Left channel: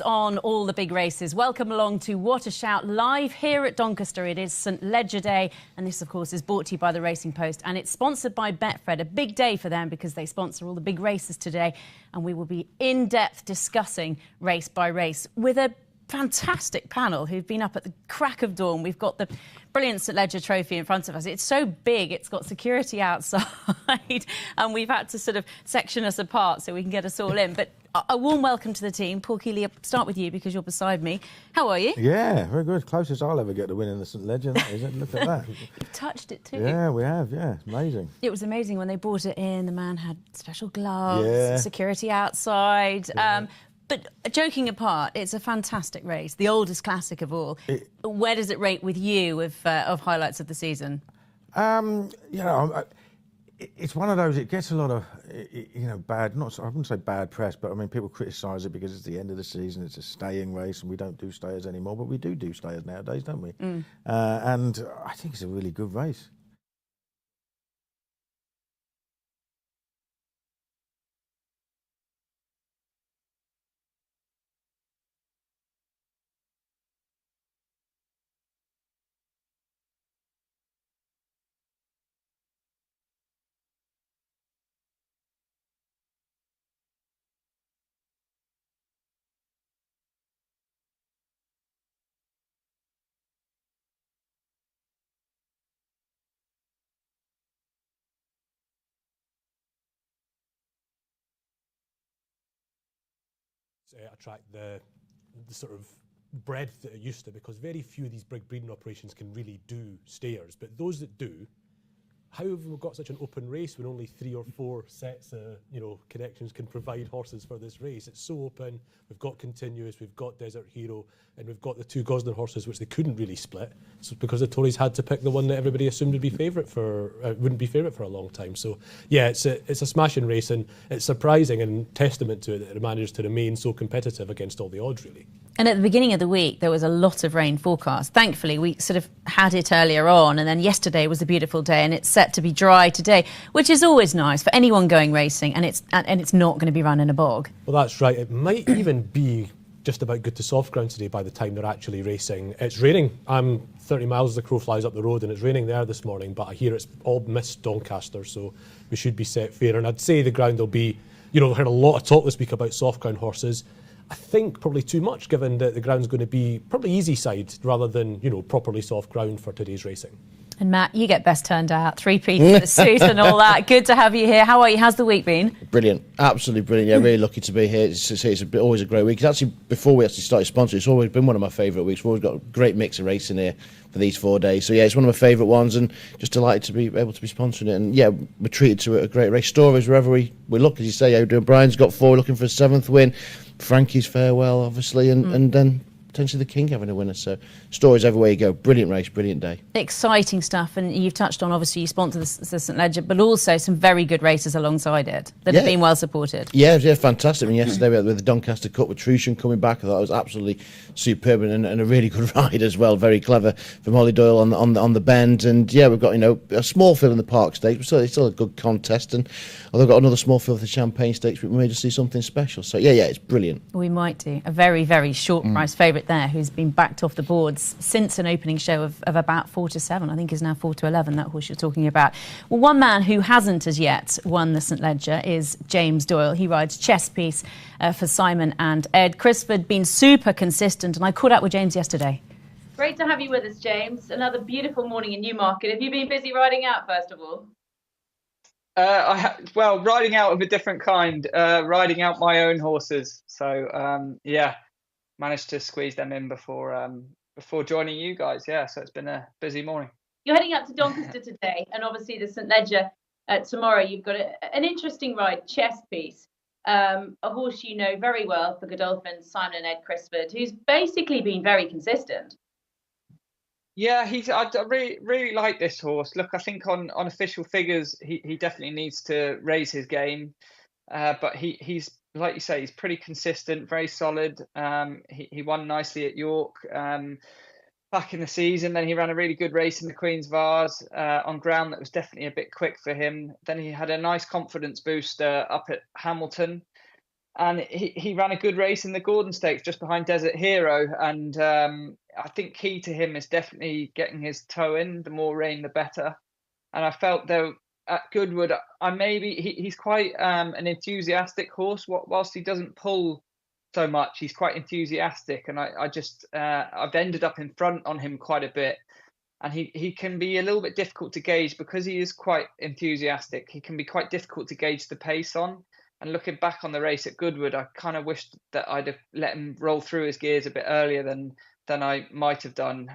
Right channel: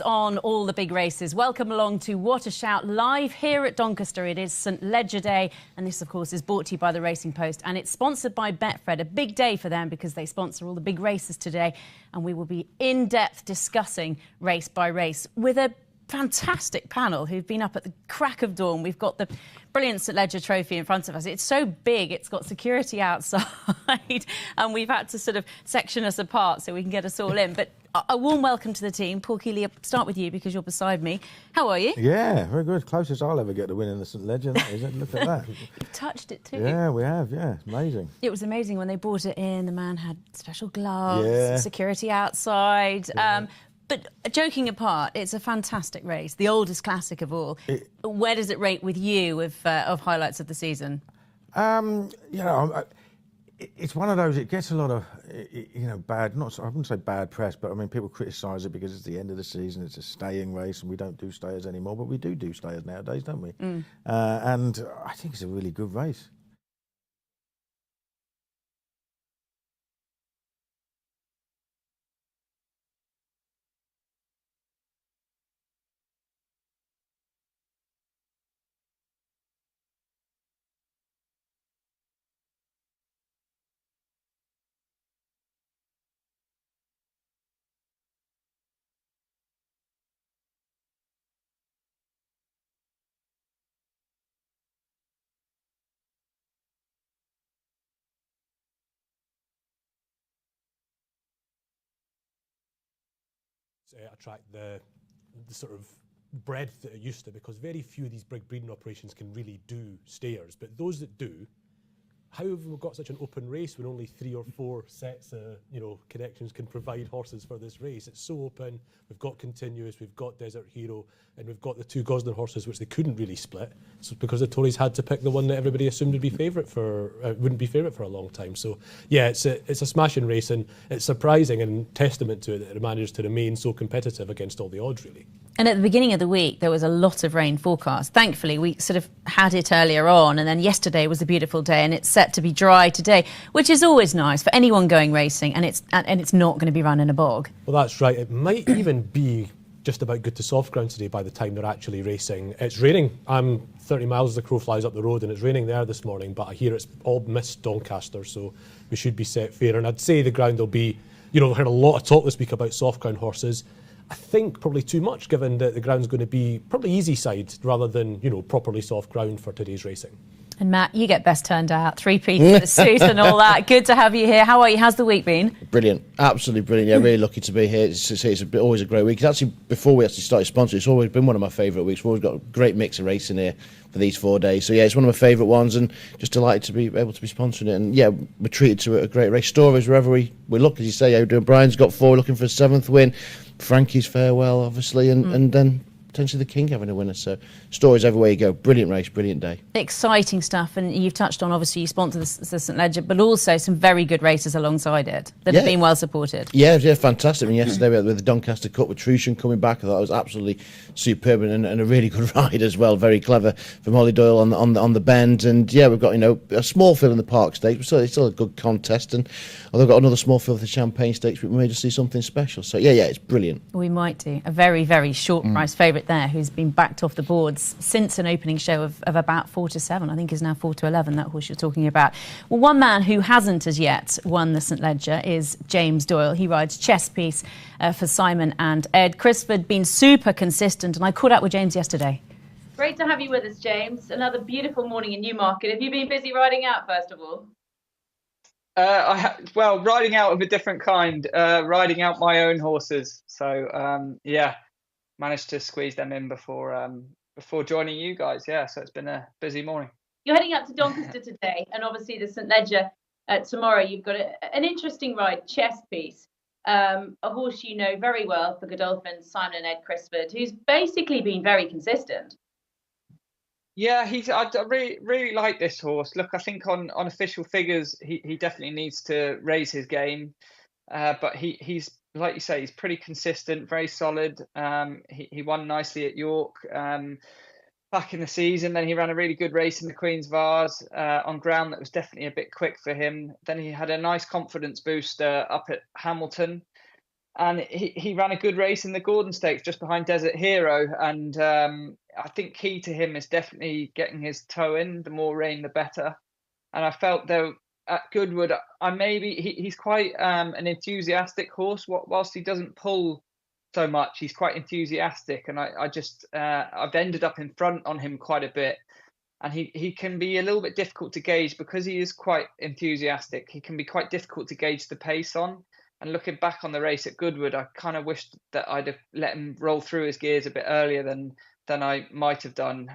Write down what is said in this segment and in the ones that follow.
thoughts on all the big races. Welcome along to What a Shout live here at Doncaster. It is St Ledger Day, and this, of course, is brought to you by the Racing Post, and it's sponsored by Betfred. A big day for them because they sponsor all the big races today, and we will be in-depth discussing race by race with a fantastic panel who've been up at the crack of dawn. We've got the brilliant St Ledger trophy in front of us. It's so big, it's got security outside, and we've had to sort of section us apart so we can get us all in. But a warm welcome to the team. Paul Keeley, I'll start with you because you're beside me. How are you? Yeah, very good. Closest I'll ever get to winning the St Ledger, that is it? Look at that. You've touched it too. Yeah, we have, yeah. Amazing. It was amazing when they brought it in. The man had special gloves, security outside. Yeah. But joking apart, it's a fantastic race, the oldest classic of all. Where does it rate with you of highlights of the season? It's one of those, it gets a lot of, bad, I wouldn't say bad press, but I mean, people criticise it because it's the end of the season, it's a staying race, and we don't do stayers anymore, but we do stayers nowadays, don't we? And I think it's a really good race. Attract the sort of breadth that it used to, because very few of these big breeding operations can really do stayers, but those that do, how have we got such an open race when only 3 or 4 sets of connections can provide horses for this race? It's so open. We've got Continuous, we've got Desert Hero, and we've got the 2 Gosnell horses, which they couldn't really split. So because the Tories had to pick the one that everybody assumed would be favourite for wouldn't be favourite for a long time. So yeah, it's a smashing race, and it's surprising and testament to it that it managed to remain so competitive against all the odds, really. And at the beginning of the week, there was a lot of rain forecast. Thankfully, we sort of had it earlier on, and then yesterday was a beautiful day, and it's set to be dry today, which is always nice for anyone going racing, and it's not going to be run in a bog. Well, that's right. It might even be just about good to soft ground today by the time they're actually racing. It's raining. I'm 30 miles as the crow flies up the road, and it's raining there this morning, but I hear it's all missed Doncaster, so we should be set fair. And I'd say the ground will be, I've heard a lot of talk this week about soft ground horses. I think probably too much, given that the ground's going to be probably easy side rather than, properly soft ground for today's racing. And Matt, you get best turned out, 3-piece for the suit and all that. Good to have you here. How are you? How's the week been? Brilliant, absolutely brilliant. Yeah, really lucky to be here. It's always a great week. It's actually, before we actually started sponsoring, it's always been one of my favourite weeks. We've always got a great mix of racing here for these 4 days. So yeah, it's one of my favourite ones, and just delighted to be able to be sponsoring it. And yeah, we're treated to a great race. Stories wherever we look, as you say. O'Brien's got 4, looking for a 7th win. Frankie's farewell, obviously, and then potentially the King having a winner. So stories everywhere you go. Brilliant race, brilliant day. Exciting stuff, and you've touched on, obviously, you sponsor the St Ledger, but also some very good races alongside it that have been well supported. Yeah, fantastic. I mean, yesterday we had with the Doncaster Cup with Trushan coming back. I thought it was absolutely superb, and a really good ride as well. Very clever from Holly Doyle on the bend. And yeah, we've got a small field in the Park Stakes, so it's still a good contest. And although we've got another small field of the Champagne Stakes, we may just see something special. So yeah, it's brilliant. We might do. A very, very short price favourite there, who's been backed off the boards since an opening show of about 4-7. I think is now 4-11, that horse you're talking about. Well, one man who hasn't as yet won the St Ledger is James Doyle. He rides Chess Piece for Simon and Ed. Crisford been super consistent, and I caught up with James yesterday. Great to have you with us, James. Another beautiful morning in Newmarket. Have you been busy riding out, first of all? Riding out of a different kind, riding out my own horses. So, managed to squeeze them in before joining you guys. Yeah, so it's been a busy morning. You're heading up to Doncaster today, and obviously the St Ledger tomorrow. You've got an interesting ride, Chess Piece, a horse you know very well for Godolphin, Simon and Ed Crisford, who's basically been very consistent. Yeah, I really like this horse. Look, I think on official figures, he definitely needs to raise his game. But he's, like you say, he's pretty consistent, very solid. He won nicely at York back in the season. Then he ran a really good race in the Queen's Vase on ground that was definitely a bit quick for him. Then he had a nice confidence booster up at Hamilton. and he ran a good race in the Gordon Stakes just behind Desert Hero. And I think key to him is definitely getting his toe in. The more rain, the better. And I felt though at Goodwood, he's quite an enthusiastic horse. Whilst he doesn't pull so much, he's quite enthusiastic, and I've ended up in front on him quite a bit. And he can be a little bit difficult to gauge because he is quite enthusiastic. He can be quite difficult to gauge the pace on. And looking back on the race at Goodwood, I kind of wished that I'd have let him roll through his gears a bit earlier than I might have done,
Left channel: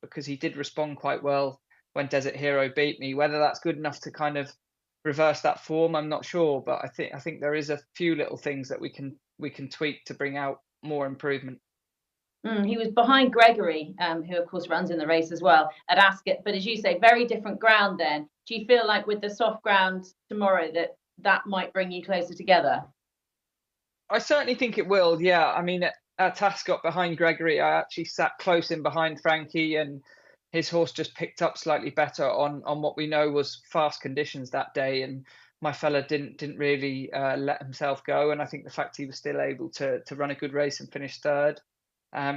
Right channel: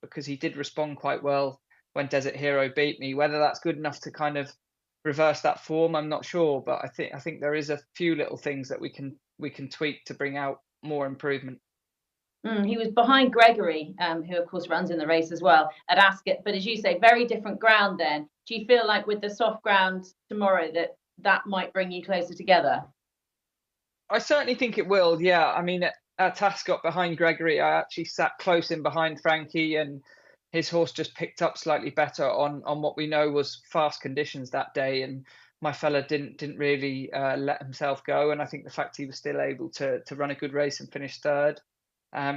because he did respond quite well when Desert Hero beat me. Whether that's good enough to kind of reverse that form, I'm not sure. But I think there is a few little things that we can tweak to bring out more improvement. He was behind Gregory, who of course runs in the race as well at Ascot. But as you say, very different ground then. Do you feel like with the soft ground tomorrow that might bring you closer together? I certainly think it will, yeah. I mean, at Ascot behind Gregory, I actually sat close in behind Frankie, and his horse just picked up slightly better on what we know was fast conditions that day. And my fella didn't really let himself go. And I think the fact he was still able to run a good race and finish third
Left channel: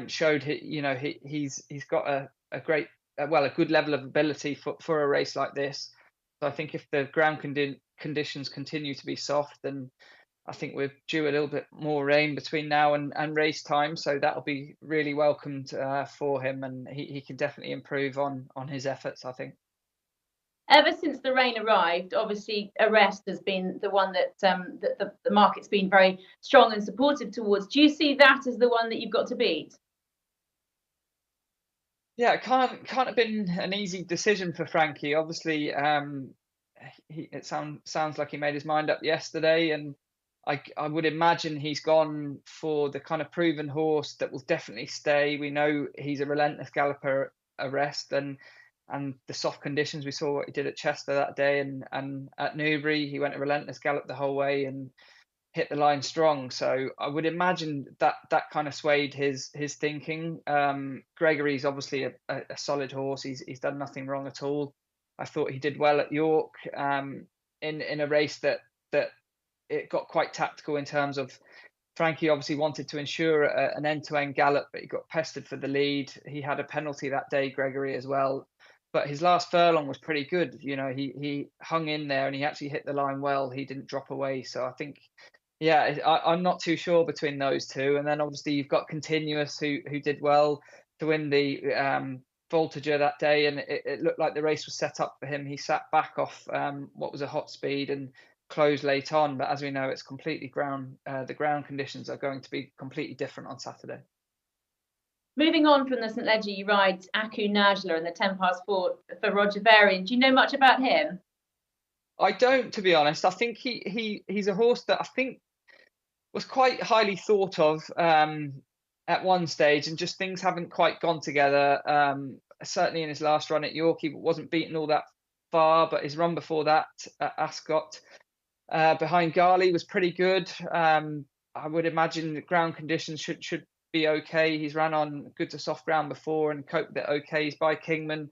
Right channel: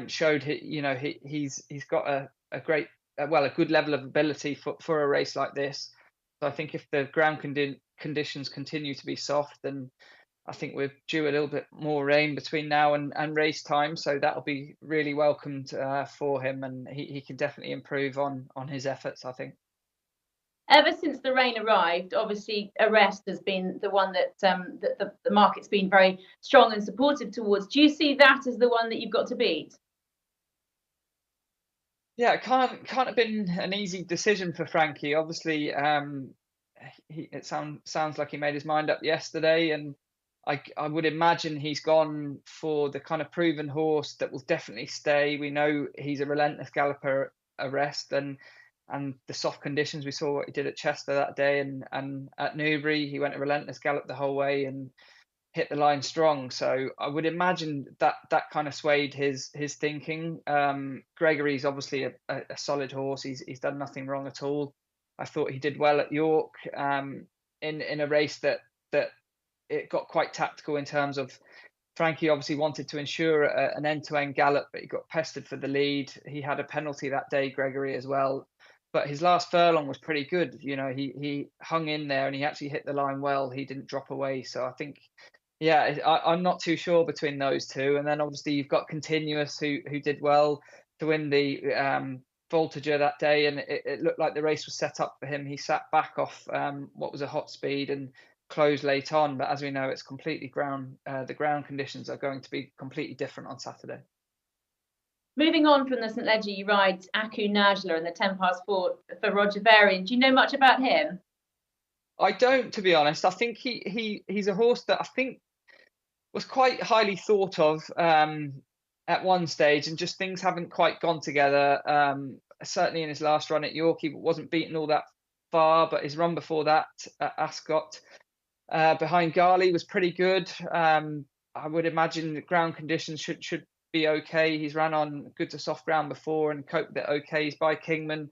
showed he's got a good level of ability for a race like this. So I think if the ground conditions continue to be soft, then I think we're due a little bit more rain between now and race time. So that'll be really welcomed for him, and he can definitely improve on his efforts, I think. Ever since the rain arrived, obviously Arrest has been the one that the market's been very strong and supportive towards. Do you see that as the one that you've got to beat? Yeah, it can't have been an easy decision for Frankie. Obviously, it sounds like he made his mind up yesterday, and I would imagine he's gone for the kind of proven horse that will definitely stay. We know he's a relentless galloper at Arrest, and the soft conditions, we saw what he did at Chester that day, and at Newbury he went a relentless gallop the whole way and hit the line strong. So I would imagine that kind of swayed his thinking. Gregory's obviously a solid horse. He's done nothing wrong at all. I thought he did well at York in a race that it got quite tactical in terms of Frankie obviously wanted to ensure an end-to-end gallop, but he got pestered for the lead. He had a penalty that day, Gregory, as well. But his last furlong was pretty good. He hung in there and he actually hit the line well. He didn't drop away. So I think, yeah, I'm not too sure between those two. And then obviously you've got Continuous, who did well to win the Voltager that day. And it looked like the race was set up for him. He sat back off what was a hot speed and close late on, but as we know, it's completely the ground conditions are going to be completely different on Saturday. Moving on from the St Leger, you ride Aku Najla in the 10 past 4 for Roger Varian. Do you know much about him? I don't, to be honest. I think he's a horse that I think was quite highly thought of at one stage, and just things haven't quite gone together. Certainly in his last run at York, he wasn't beaten all that far, but his run before that at Ascot behind Garley was pretty good. I would imagine the ground conditions should be okay. He's ran on good to soft ground before and coped with it okay. He's by Kingman,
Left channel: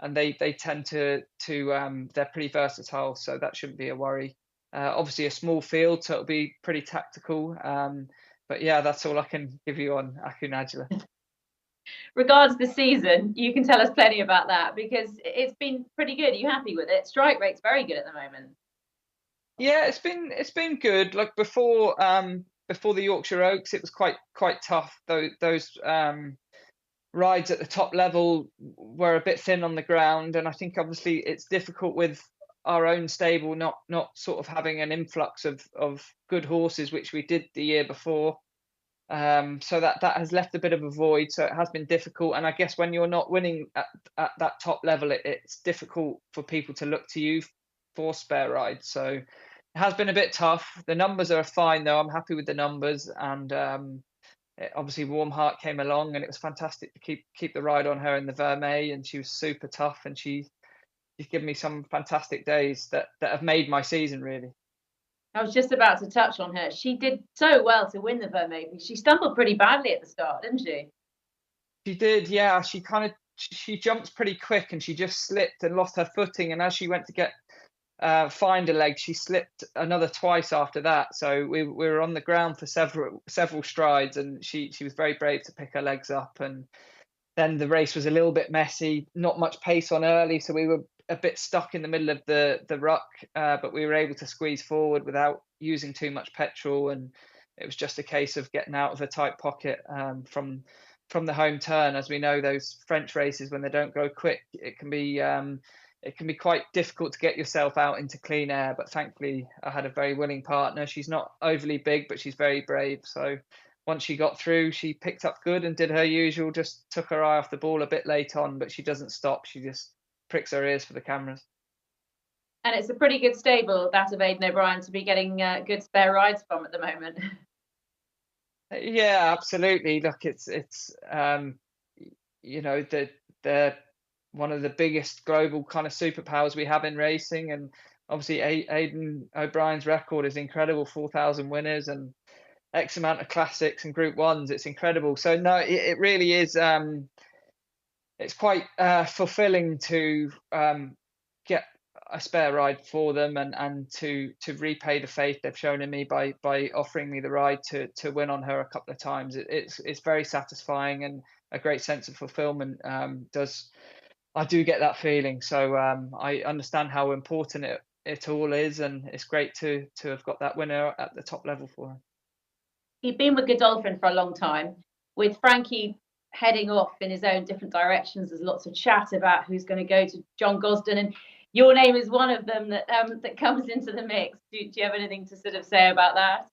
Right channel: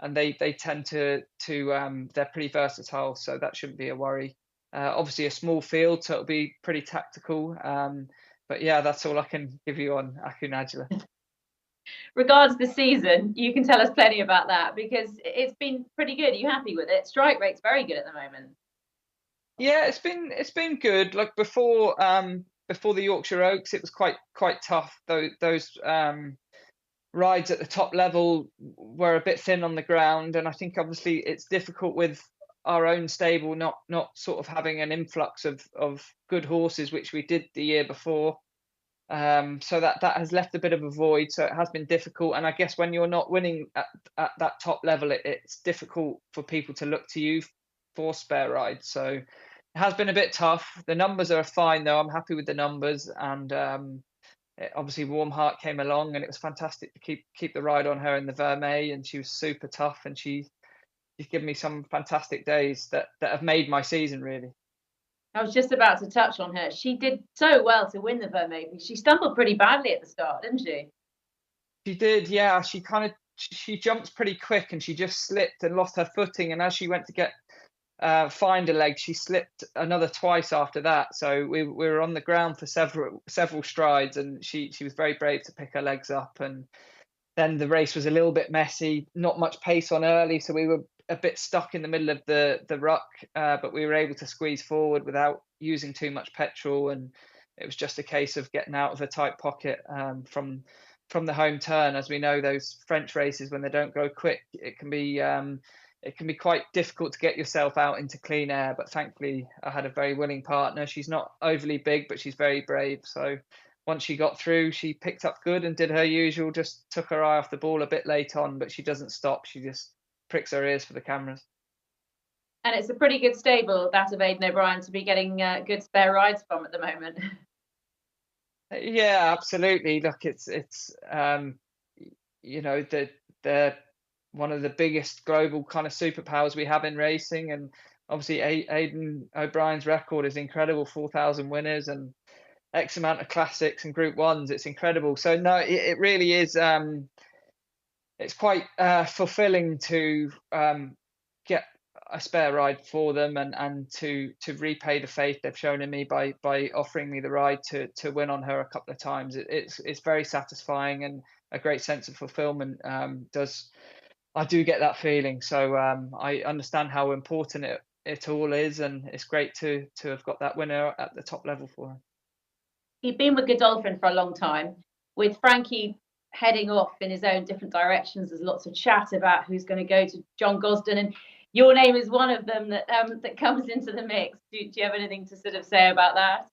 and they tend to they're pretty versatile, so that shouldn't be a worry. Obviously a small field, so it'll be pretty tactical. But yeah, that's all I can give you on Aku Najla. Regards the season, you can tell us plenty about that because it's been pretty good. Are you happy with it? Strike rate's very good at the moment. Yeah, it's been good. Like before the Yorkshire Oaks, it was quite tough. Those rides at the top level were a bit thin on the ground, and I think obviously it's difficult with our own stable not sort of having an influx of good horses, which we did the year before. So that has left a bit of a void. So it has been difficult, and I guess when you're not winning at that top level, it's difficult for people to look to you for spare rides. So it has been a bit tough. The numbers are fine though. I'm happy with the numbers, and obviously Warm Heart came along, and it was fantastic to keep the ride on her in the Vermeil, and she was super tough, and she's given me some fantastic days that have made my season really. I was just about to touch on her. She did so well to win the Vermeil. She stumbled pretty badly at the start, didn't she? She did, yeah. She jumped pretty quick, and she just slipped and lost her footing. And as she went to get find a leg. She slipped another twice after that, so we were on the ground for several strides, and she was very brave to pick her legs up. And then the race was a little bit messy, not much pace on early, so we were a bit stuck in the middle of the ruck, but we were able to squeeze forward without using too much petrol, and it was just a case of getting out of a tight pocket from the home turn. As we know, those French races, when they don't go quick, it can be quite difficult to get yourself out into clean air. But thankfully, I had a very willing partner. She's not overly big, but she's very brave. So once she got through, she picked up good and did her usual, just took her eye off the ball a bit late on, but she doesn't stop. She just pricks her ears for the cameras. And it's a pretty good stable, that of Aidan O'Brien, to be getting good spare rides from at the moment. Yeah, absolutely. Look, it's you know, they're one of the biggest global kind of superpowers we have in racing, and obviously Aidan O'Brien's record is incredible, 4,000 winners and X amount of classics and Group 1s. It's incredible. So no, it really is. It's quite fulfilling to get a spare ride for them and to repay the faith they've shown in me by offering me the ride to win on her a couple of times. It's very satisfying and a great sense of fulfillment. I do get that feeling. So I understand how important it all is, and it's great to have got that winner at the top level for her. He'd been with Godolphin for a long time. With Frankie heading off in his own different directions, there's lots of chat about who's going to go to John Gosden, and your name is one of them that comes into the mix. Do you have anything to sort of say about that?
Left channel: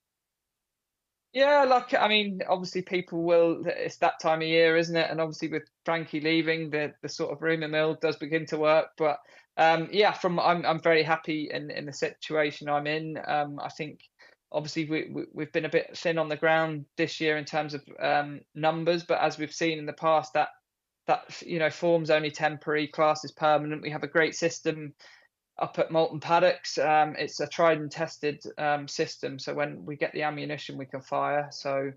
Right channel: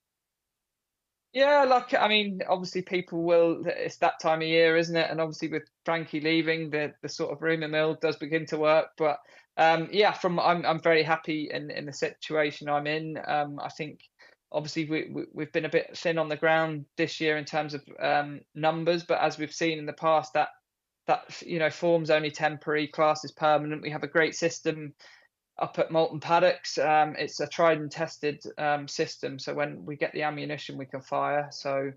Yeah, I mean, obviously people will. It's that time of year, isn't it? And obviously with Frankie leaving, the sort of rumour mill does begin to work. But yeah, I'm very happy in the situation I'm in. I think obviously we've been a bit thin on the ground this year in terms of numbers, but as we've seen in the past, that form's only temporary, class is permanent. We have a great system up at Moulton Paddocks. It's a tried and tested system, so when we get the ammunition, we can fire. So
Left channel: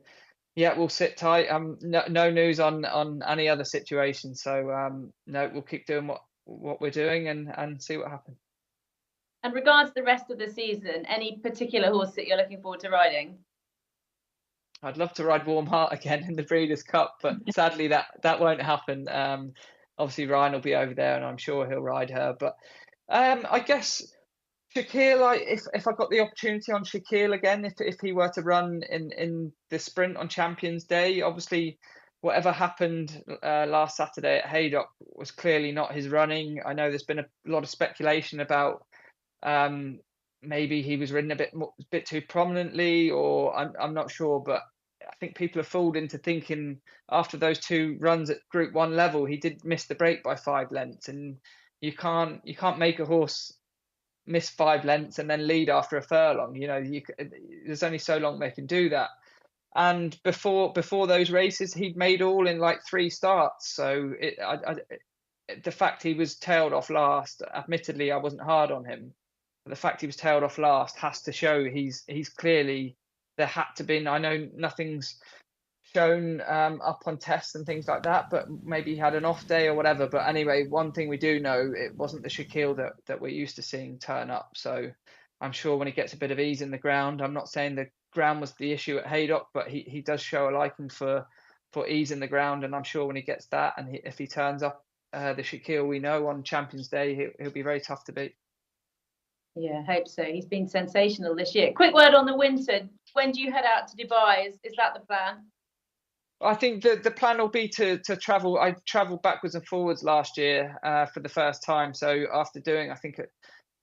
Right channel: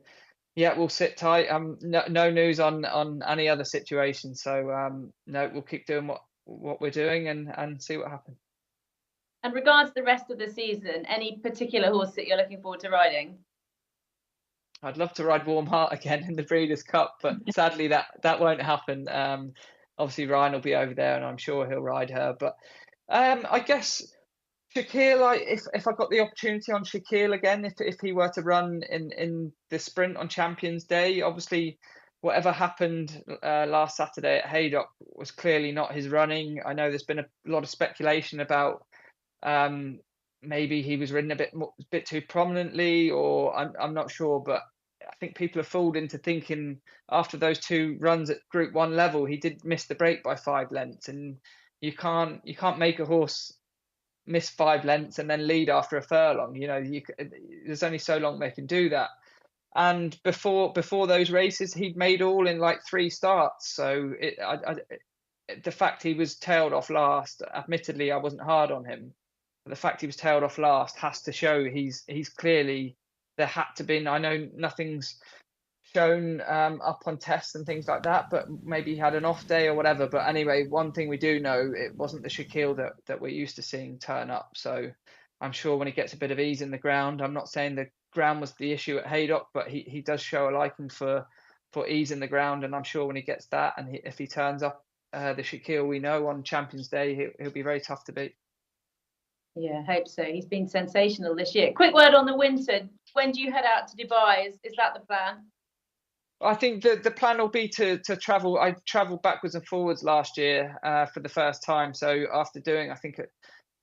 yeah, we'll sit tight. No news on any other situation. So no, we'll keep doing what we're doing and see what happens. And regards the rest of the season, any particular horse that you're looking forward to riding? I'd love to ride Warm Heart again in the Breeders' Cup, but sadly that won't happen. Obviously Ryan will be over there, and I'm sure he'll ride her. But I guess Shaquille, if I got the opportunity on Shaquille again, if he were to run in the sprint on Champions Day, obviously whatever happened last Saturday at Haydock was clearly not his running. I know there's been a lot of speculation about maybe he was ridden a bit too prominently, or I'm not sure, but I think people are fooled into thinking after those two runs at Group 1 level, he did miss the break by 5 lengths, and you can't make a horse miss 5 lengths and then lead after a furlong. There's only so long they can do that. And before those races, he'd made all in like 3 starts. So the fact he was tailed off last, admittedly, I wasn't hard on him. But the fact he was tailed off last has to show he's clearly, there had to be. I know nothing's shown up on tests and things like that, but maybe he had an off day or whatever. But anyway, one thing we do know, it wasn't the Shaquille that we're used to seeing turn up. So I'm sure when he gets a bit of ease in the ground, I'm not saying the ground was the issue at Haydock, but he does show a liking for ease in the ground, and I'm sure when he gets that, and if he turns up the Shaquille we know on Champions Day, he'll be very tough to beat. Yeah, I hope so. He's been sensational this year. Quick word on the winter. When do you head out to Dubai? Is that the plan? I think the plan will be to travel. I travelled backwards and forwards last year for the first time. So after doing, I think,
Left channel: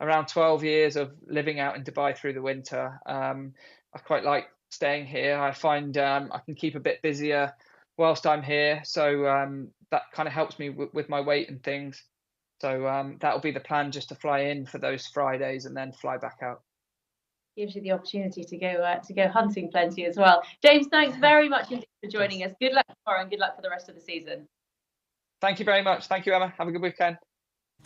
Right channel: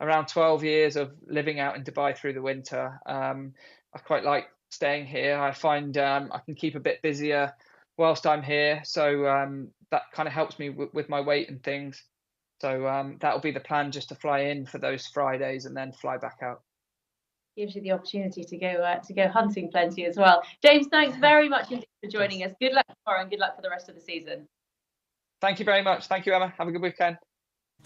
around 12 years of living out in Dubai through the winter, I quite like staying here. I find I can keep a bit busier whilst I'm here. So that kind of helps me with my weight and things. So that'll be the plan, just to fly in for those Fridays and then fly back out. Gives you the opportunity to go hunting plenty as well. James, thanks very much indeed for joining us. Good luck tomorrow and good luck for the rest of the season. Thank you very much. Thank you, Emma. Have a good weekend.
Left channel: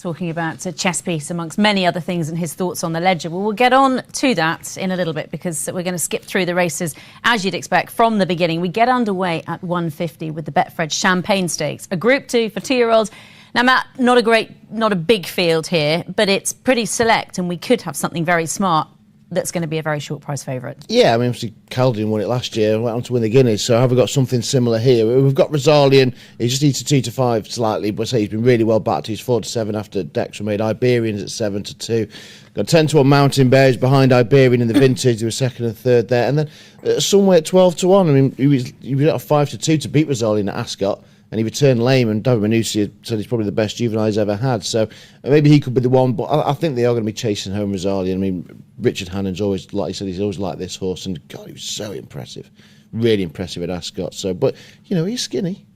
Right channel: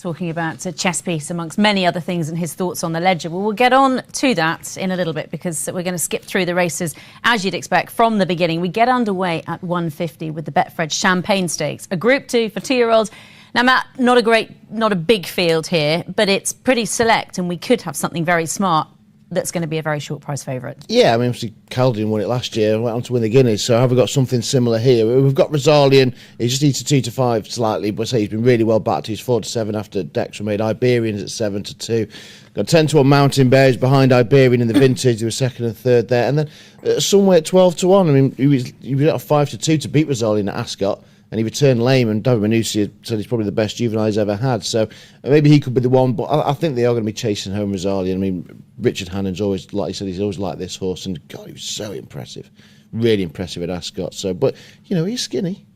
Talking about a chess piece amongst many other things and his thoughts on the Ledger. Well, we'll get on to that in a little bit, because we're going to skip through the races as you'd expect from the beginning. We get underway at 1:50 with the Betfred Champagne Stakes, a Group 2 for 2-year-olds. Now, Matt, not a big field here, but it's pretty select, and we could have something very smart that's going to be a very short price favourite. Yeah, I mean, obviously Caldian won it last year and went on to win the Guineas, so have we got something similar here? We've got Rosalian, he just needs a 2 to 5 slightly, but I say he's been really well backed. He's 4 to 7 after decks were made. Iberian's at 7 to 2. Got 10 to 1 Mountain Bears behind Iberian in the vintage. They were second and third there. And then somewhere at 12 to 1. I mean, he was at 5 to 2 to beat Rosalian at Ascot. And he returned lame, and David Manucci said he's probably the best juvenile he's ever had. So maybe he could be the one, but I think they are going to be chasing home Rosalian. I mean, Richard Hannon's always, like he said, he's always liked this horse, and God, he was so impressive. Really impressive at Ascot. So, but, he's skinny.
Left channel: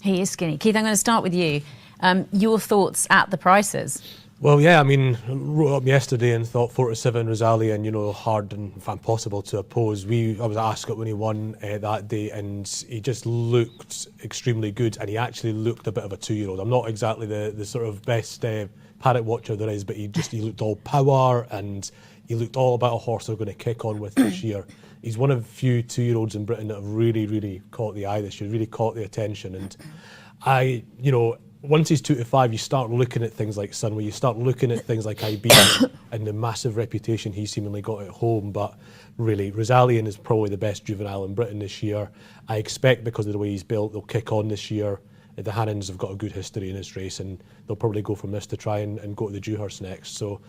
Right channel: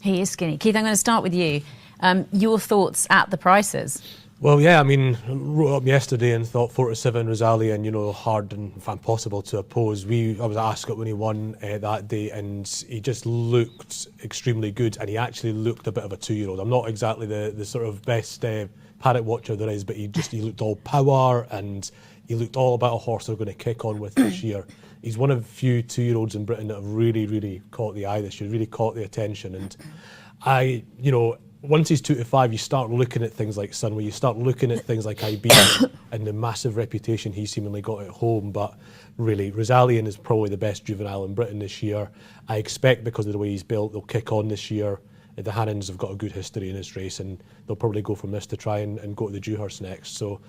He is skinny. Keith, I'm going to start with you. Your thoughts at the prices? Well, yeah, I mean, wrote up yesterday and thought 4 to 7 Rosalian, hard and impossible to oppose. I was at Ascot when he won that day, and he just looked extremely good, and he actually looked a bit of a 2-year-old. I'm not exactly the sort of best paddock watcher there is, but he looked all power, and he looked all about a horse they're going to kick on with this year. He's one of the few 2-year-olds in Britain that have really, really caught the eye this year, really caught the attention, and once he's 2 to 5, you start looking at things like Sunway, you start looking at things like Iberian and the massive reputation he seemingly got at home. But really, Rosalian is probably the best juvenile in Britain this year. I expect, because of the way he's built, they'll kick on this year. The Hannons have got a good history in this race, and they'll probably go from this to try and go to the Dewhurst next. So,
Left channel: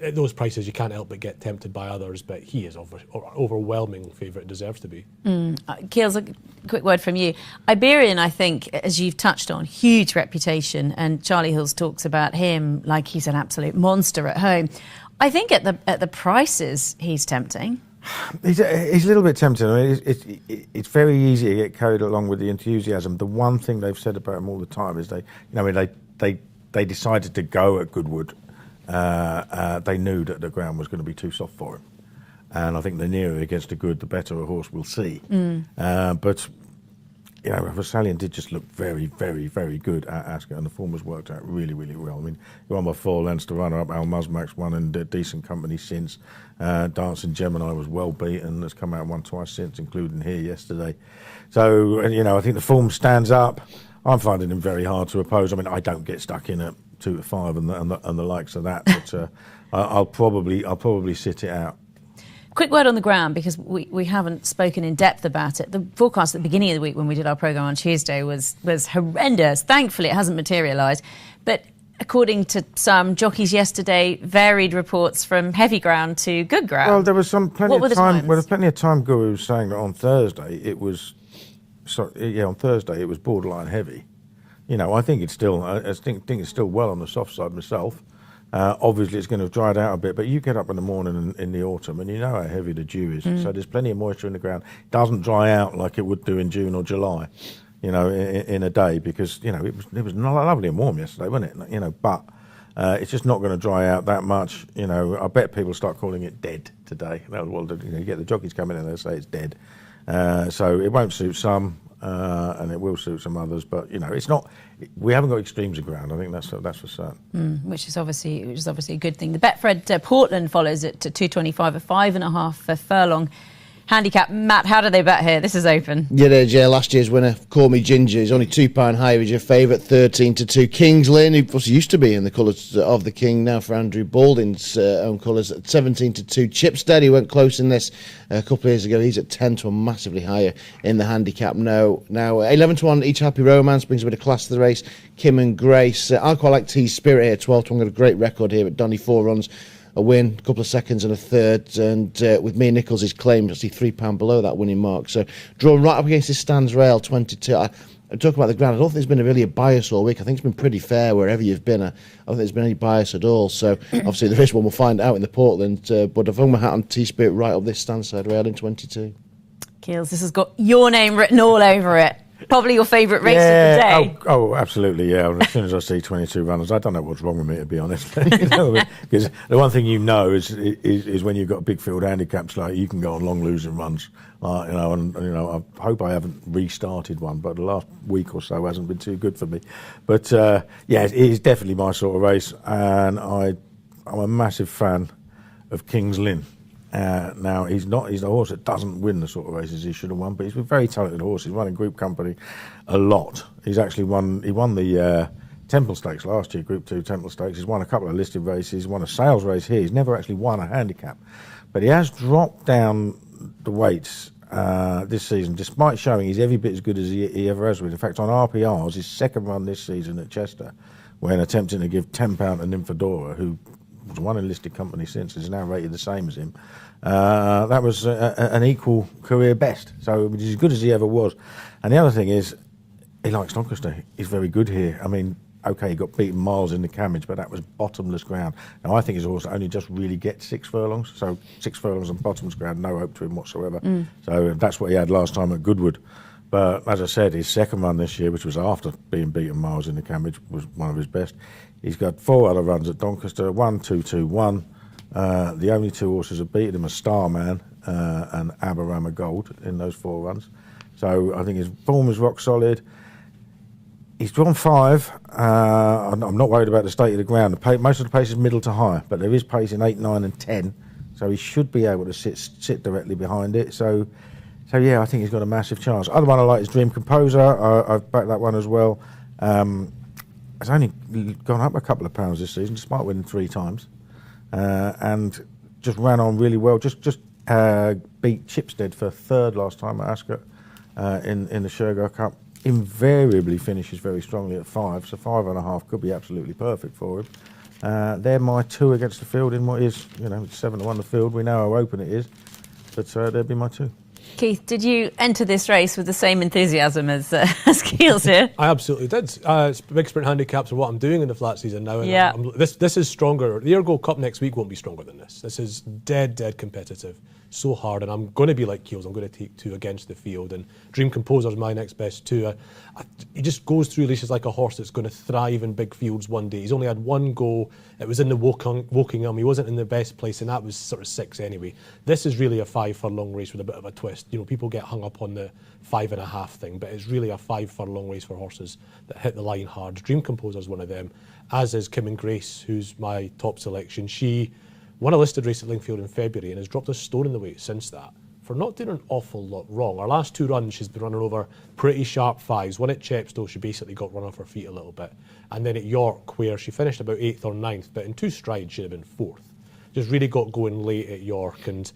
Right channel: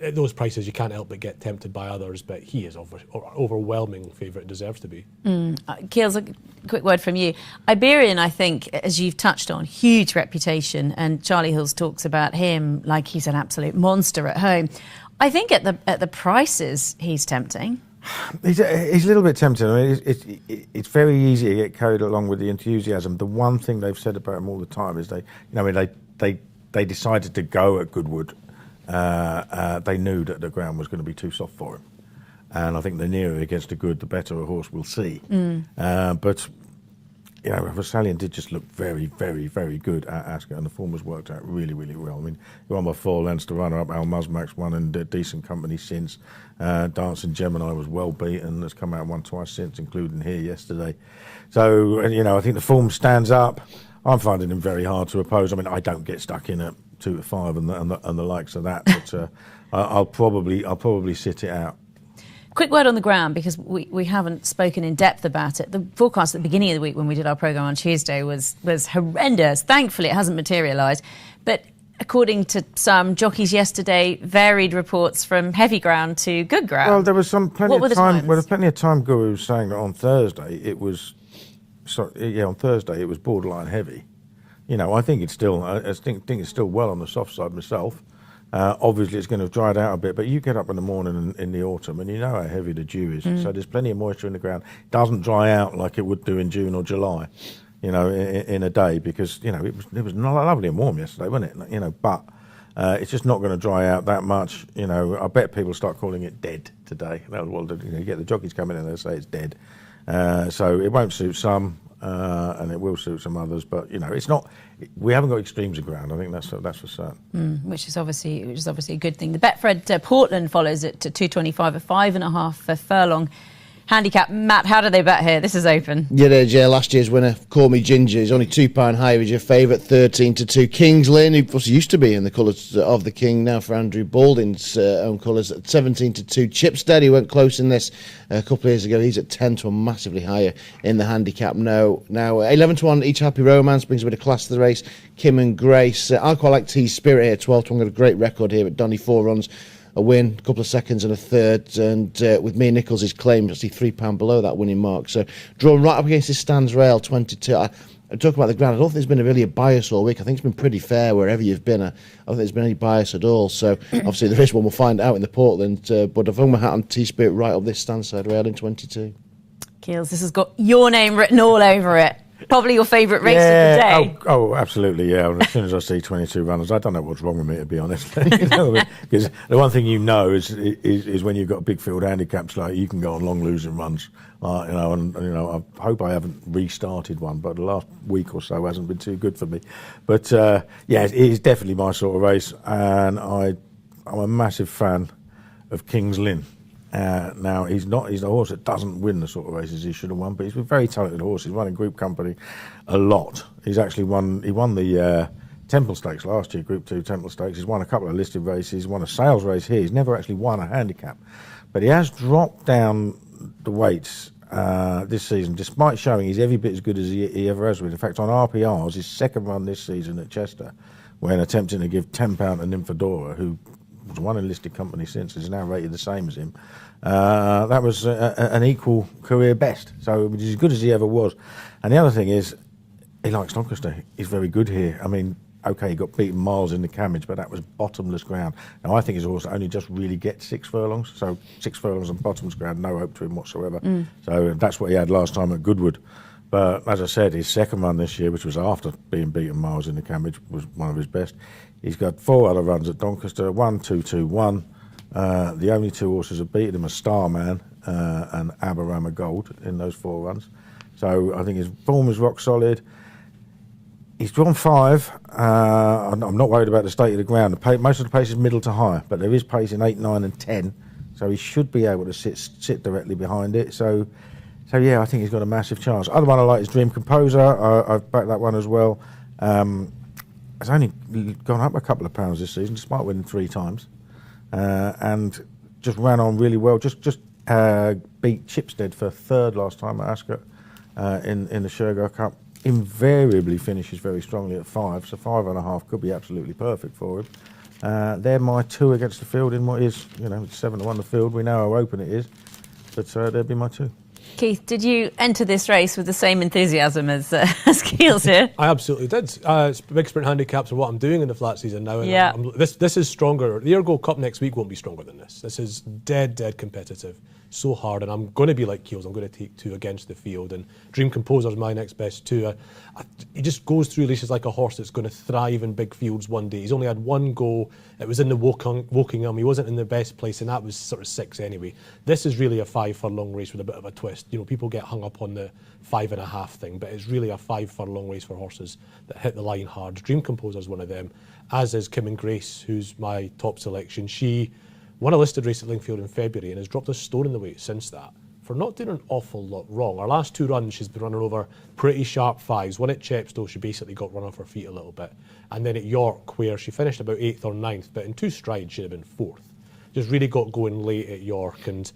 at those prices, you can't help but get tempted by others, but he is overwhelming favourite, deserves to be. Keels, a quick word from you. Iberian, I think, as you've touched on, huge reputation, and Charlie Hills talks about him like he's an absolute monster at home. I think at the prices, he's tempting. He's a little bit tempting. I mean, it's very easy to get carried along with the enthusiasm. The one thing they've said about him all the time is they decided to go at Goodwood. They knew that the ground was going to be too soft for him, and I think the nearer it gets to good, the better a horse will see. But Rosalian did just look very, very, very good at Ascot, and the form has worked out really, really well. I mean, he won by 4 lengths. The runner-up, Al Musmax, won in decent company since. Dancing Gemini was well beaten. Has come out and won twice since, including here yesterday. So, I think the form stands up. I'm finding him very hard to oppose. I mean, I don't get stuck in at 2 to 5 and the likes of that, but I'll probably sit it out. Quick word on the ground, because we haven't spoken in depth about it. The forecast at the beginning of the week when we did our programme on Tuesday was horrendous. Thankfully, it hasn't materialised. But according to some jockeys yesterday, varied reports from heavy ground to good ground. Well, there was plenty of time. Well, plenty of time. Guru was saying that on Thursday it was. On Thursday it was borderline heavy. I think it's still. I think it's still well on the soft side myself. Obviously, it's going to have dried out a bit, but you get up in the morning in the autumn and you know how heavy the dew is. So there's plenty of moisture in the ground. It doesn't dry out like it would do in June or July, in a day, because it was not lovely and warm yesterday, wasn't it? But it's just not going to dry out that much. I bet people start calling it dead today. You get the jockeys coming in and they say it's dead. So it won't suit some, and it will suit some others. But it's not. We haven't got extremes of ground. I think that's for certain. Which is obviously a good thing. The Betfred Portland follows it to 225, a 5.5 furlong handicap. Matt, how do they bet here? This is open. Yeah, last year's winner, Call Me Ginger, is only £2 higher. He's your favourite, 13 to 2. King's Lynn, who used to be in the colours of the King, now for Andrew Balding's own colours, at 17 to 2. Chipstead, he went close in this a couple of years ago. He's at 10 to 1, massively higher in the handicap. Now 11 to 1, Each Happy Romance brings a bit of class to the race. Kim and Grace. I quite like T Spirit here, 12 to 1. Got a great record here at Donny, 4 runs. A win, a couple of seconds and a third, and with Mia Nichols, his claim, actually £3 below that winning mark. So drawn right up against his stands rail, 22. I'm talking about the ground. I don't think there's been really a bias all week. I think it's been pretty fair wherever you've been. I don't think there's been any bias at all. So obviously there is one. We'll find out in the Portland. But I've hung my hat on T-Spirit right up this stand side rail in 22. Keels, this has got your name written all over it. Probably your favourite race of the day. Oh, absolutely, yeah. As soon as I see 22 runners, I don't know what's wrong with me, to be honest. Because the one thing is when you've got big field handicaps, like you can go on long losing runs. I hope I haven't restarted one, but the last week or so hasn't been too good for me. But it is definitely my sort of race, and I'm a massive fan of King's Lynn. Now he's a horse that doesn't win the sort of races he should have won, but he's a very talented horse. He's run in group company a lot. He won the Temple Stakes last year, Group 2 Temple Stakes. He's won a couple of listed races, won a sales race here. He's never actually won a handicap. But he has dropped down the weights this season, despite showing he's every bit as good as he ever has been. In fact, on RPRs, his second run this season at Chester, when attempting to give £10 to Nymphadora, who was one enlisted company since, is now rated the same as him. That was an equal career best. So he's as good as he ever was. And the other thing is, he likes Doncaster. He's very good here. I mean, okay, he got beaten miles in the Cammage, but that was bottomless ground. Now, I think his horse only just really gets 6 furlongs. So 6 furlongs on bottomless ground, no hope to him whatsoever. So that's what he had last time at Goodwood. But as I said, his second run this year, which was after being beaten miles in the Cammage, was one of his best. He's got 4 other runs at Doncaster, 1, 2, 2, 1. The only 2 horses that beat him are Starman and Aberama Gold in those 4 runs. So I think his form is rock solid. He's drawn 5. I'm not worried about the state of the ground. Most of the pace is middle to high, but there is pace in 8, 9 and 10. So he should be able to sit directly behind it. So yeah, I think he's got a massive chance. Other one I like is Dream Composer. I've backed that one as well. Has only gone up a couple of pounds this season, despite winning 3 times. And just ran on really well. Just beat Chipstead for 3rd last time at Ascot in the Shergar Cup. Invariably finishes very strongly at 5, so 5.5 could be absolutely perfect for him. They're my 2 against the field in what is, 7-1 the field. We know how open it is, but they'd be my 2. Keith, did you enter this race with the same enthusiasm as Keels here? I absolutely did. Big sprint handicaps are what I'm doing in the flat season now. And Yeah. This is stronger. The Ergo Cup next week won't be stronger than this. This is dead competitive. So hard. And I'm going to be like Keels. I'm going to take 2 against the field. And Dream Composer is my next best 2. He just goes through races like a horse that's going to thrive in big fields one day. He's only had 1 go. It was in the Wokingham. He wasn't in the best place, and that was sort of 6 anyway. This is really a 5 furlong race with a bit of a twist. People get hung up on the 5.5 thing, but it's really a 5 furlong race for horses that hit the line hard. Dream Composer is one of them, as is Kim and Grace, who's my top selection. She won a listed race at Lingfield in February and has dropped a stone in the weight since that, for not doing an awful lot wrong. Her last 2 runs, she's been running over pretty sharp 5s. One at Chepstow, she basically got run off her feet a little bit. And then at York, where she finished about 8th or 9th, but in 2 strides, she'd have been 4th. Just really got going late at York. And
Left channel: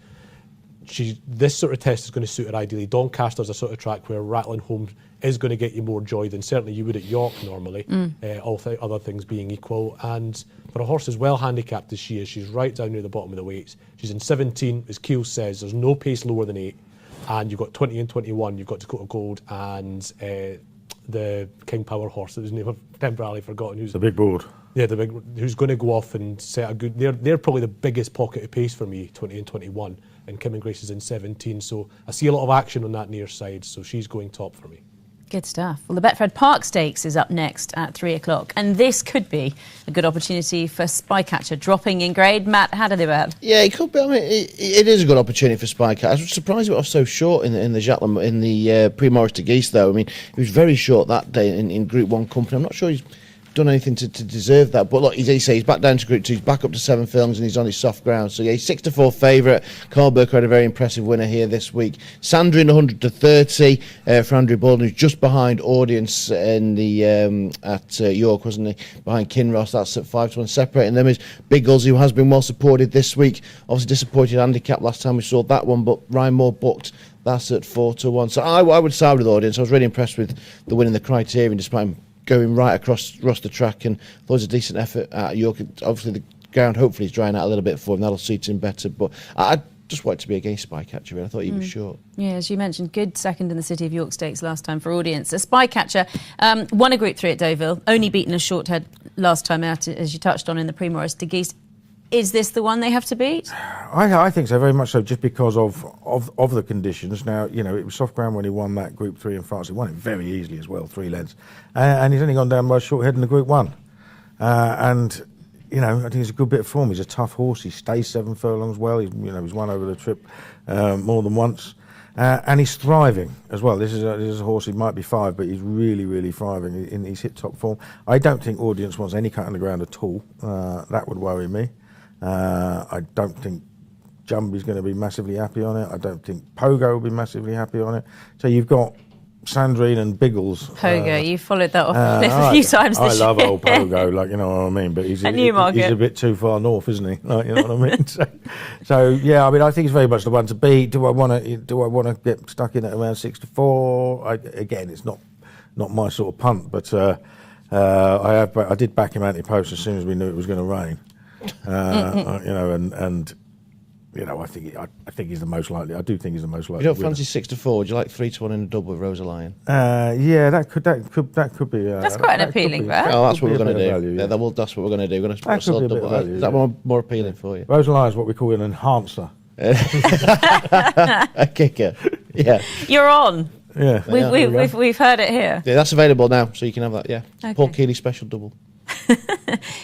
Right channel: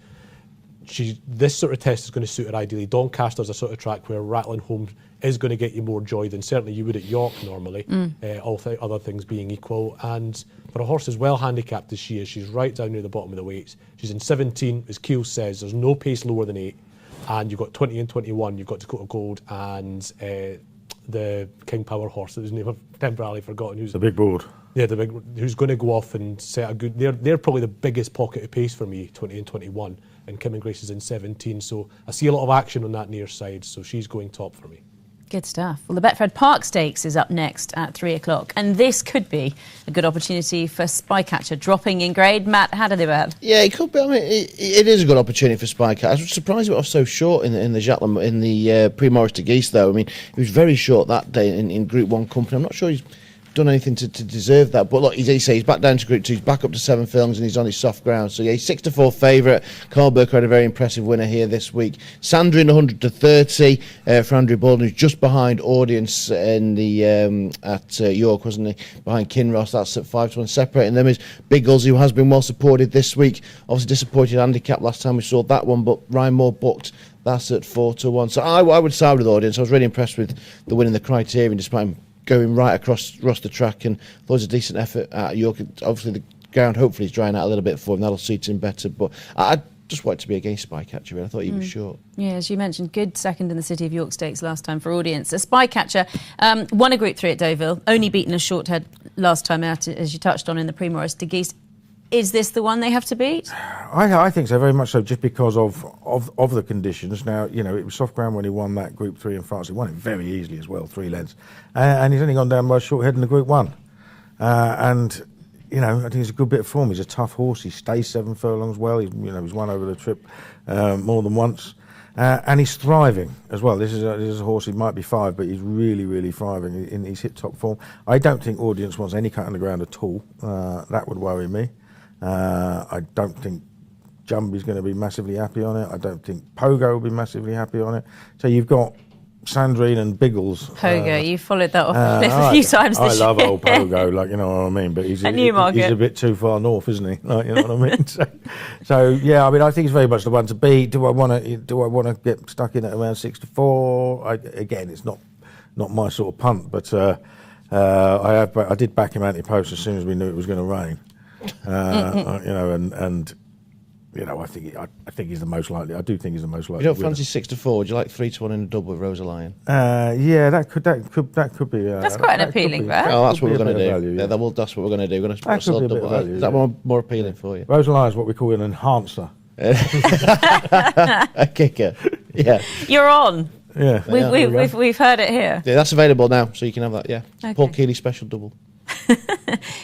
this sort of test is going to suit her ideally. Doncaster's a sort of track where rattling home is going to get you more joy than certainly you would at York normally, other things being equal. And for a horse as well handicapped as she is, she's right down near the bottom of the weights. She's in 17, as Keel says, there's no pace lower than 8. And you've got 20 and 21, you've got Dakota Gold and the King Power horse, whose name I've temporarily forgotten. Who's The big board. Yeah, who's going to go off and set a good... They're probably the biggest pocket of pace for me, 20 and 21. And Kim and Grace is in 17, so I see a lot of action on that near side, so she's going top for me. Good stuff. Well, the Betfred Park Stakes is up next at 3 o'clock, and this could be a good opportunity for Spycatcher dropping in grade. Matt, how did they behave? Yeah, it could be. I mean, it is a good opportunity for Spycatcher. I was surprised it was so short in the Jacqueline, in the Prix Maurice de Guiche, though. I mean, it was very short that day in Group 1 company. I'm not sure he's done anything to deserve that, but look, he's back down to Group 2, he's back up to 7 furlongs, and he's on his soft ground. So yeah, he's 6-4 favourite. Carl Burker had a very impressive winner here this week. Sandra in 100-30 for Andrew Baldwin, who's just behind Audience in the at York, wasn't he? Behind Kinross. That's at 5-1. Separating them is Big Gulls, who has been well supported this week. Obviously disappointed handicap last time we saw that one, but Ryan Moore booked. That's at 4-1. So I would side with Audience. I was really impressed with the win in the Criterion, despite him going right across the track, and thought it was a decent effort at York. Obviously the ground hopefully is drying out a little bit for him, that'll suit him better, but I just wanted to be against Spycatcher. I thought he was short. Yeah, as you mentioned, good second in the City of York Stakes last time for Audience. A Spycatcher won a Group 3 at Deauville, only beaten a short head last time out, as you touched on in the Prix Maurice de Guiche. Is this the one they have to beat? I think so, very much so, just because of the conditions. Now, it was soft ground when he won that Group 3 in France. He won it very easily as well, 3 lengths. And he's only gone down by a short head in the Group 1. And, I think he's a good bit of form. He's a tough horse. He stays 7 furlongs well. He's won over the trip more than once. And he's thriving as well. This is a horse, he might be 5, but he's really, really thriving. He's hit top form. I don't think Audience wants any cut on the ground at all. That would worry me. I don't think Jumby's going to be massively happy on it. I don't think Pogo will be massively happy on it. So you've got Sandrine and Biggles. Pogo, you followed that up a few times I this love year. old Pogo, like, you know what I mean. But he's At he's Newmarket. a bit too far north, isn't he? Like, you know what I mean. So yeah, I mean, I think it's very much the one to beat. Do I want to get stuck in at around 6-4? Again, it's not my sort of punt, but I did back him anti-post as soon as we knew it was going to rain. You know, and you know, I think he's the most likely. I do think he's the most likely. You don't fancy 6-4? Would you like 3-1 in a double with Rosa Lion? Yeah, that could be. That's quite an appealing bet. Oh, that's what we're going to do. Value, yeah. That's what we're going to do. We're going to That sell could be a double. bit of value, Is that more appealing for you? Rosa Lion is what we call an enhancer. A kicker. Yeah. You're on. Yeah, We've heard it here. Yeah, that's available now, so you can have that. Yeah. Okay. Paul Keeley special double.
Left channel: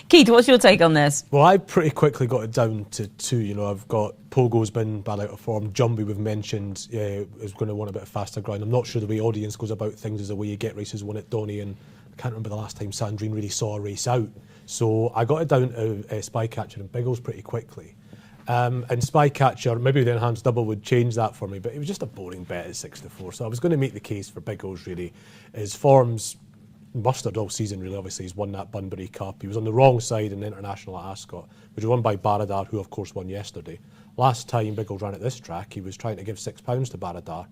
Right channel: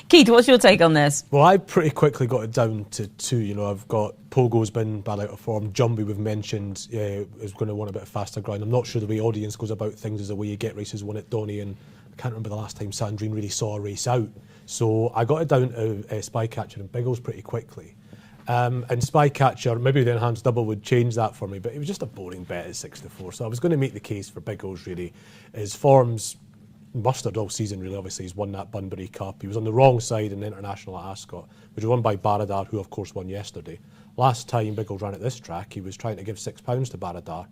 Keith, what's your take on this? Well, I pretty quickly got it down to 2. You know, I've got Pogo's been bad out of form. Jumbie, we've mentioned, is going to want a bit of faster ground. I'm not sure the way audience goes about things is the way you get races won at Donny, and I can't remember the last time Sandrine really saw a race out. So I got it down to Spycatcher and Biggles pretty quickly. And Spycatcher, maybe the enhanced double would change that for me, but it was just a boring bet at 6-4. So I was going to make the case for Biggles, really. His form's mustard all season, really. Obviously, he's won that Bunbury Cup. He was on the wrong side in the International at Ascot, which was won by Baradar, who, of course, won yesterday. Last time Biggles ran at this track, he was trying to give £6 to Baradar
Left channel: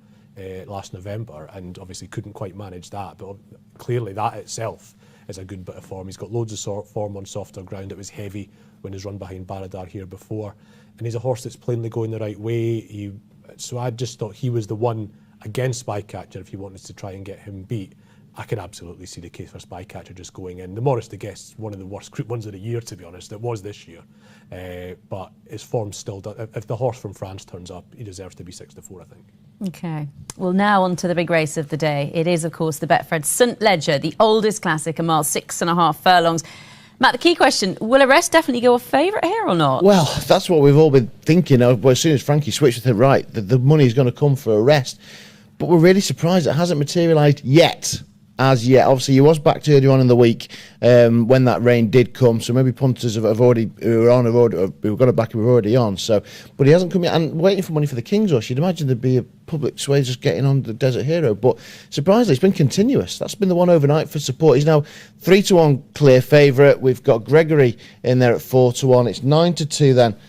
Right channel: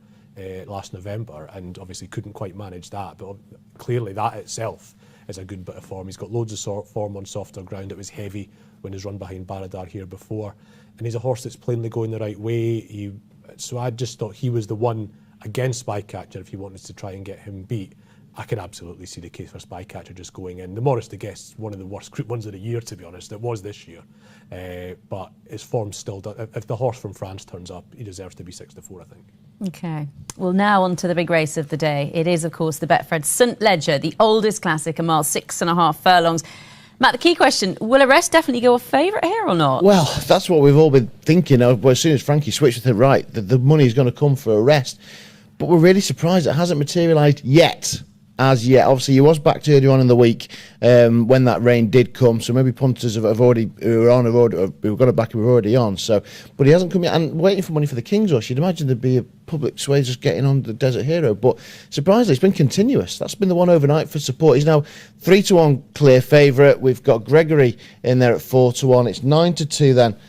last November, and obviously couldn't quite manage that. But clearly, that itself is a good bit of form. He's got loads of form on softer ground. It was heavy when he's run behind Baradar here before. And he's a horse that's plainly going the right way. So I just thought he was the one against Spycatcher if you wanted to try and get him beat. I can absolutely see the case for Spycatcher just going in. The Morris de Guest, one of the worst group ones of the year, to be honest. It was this year. But his form's still done. If the horse from France turns up, he deserves to be 6-4, I think. Okay. Well, now on to the big race of the day. It is, of course, the Betfred St Ledger, the oldest classic, a mile 6.5 furlongs. Matt, the key question, will Arrest definitely go a favourite here or not? Well, that's what we've all been thinking of. As soon as Frankie switched with it, right, the money's going to come for Arrest. But we're really surprised it hasn't materialised yet. As yet, obviously, he was backed earlier on in the week when that rain did come. So maybe punters who got it back who were already on. So, but he hasn't come yet. And waiting for money for the King's Horse, you'd imagine there'd be a public sway just getting on the Desert Hero. But surprisingly, it's been continuous. That's been the one overnight for support. He's now 3-1 clear favourite. We've got Gregory in there at 4-1. It's 9-2 then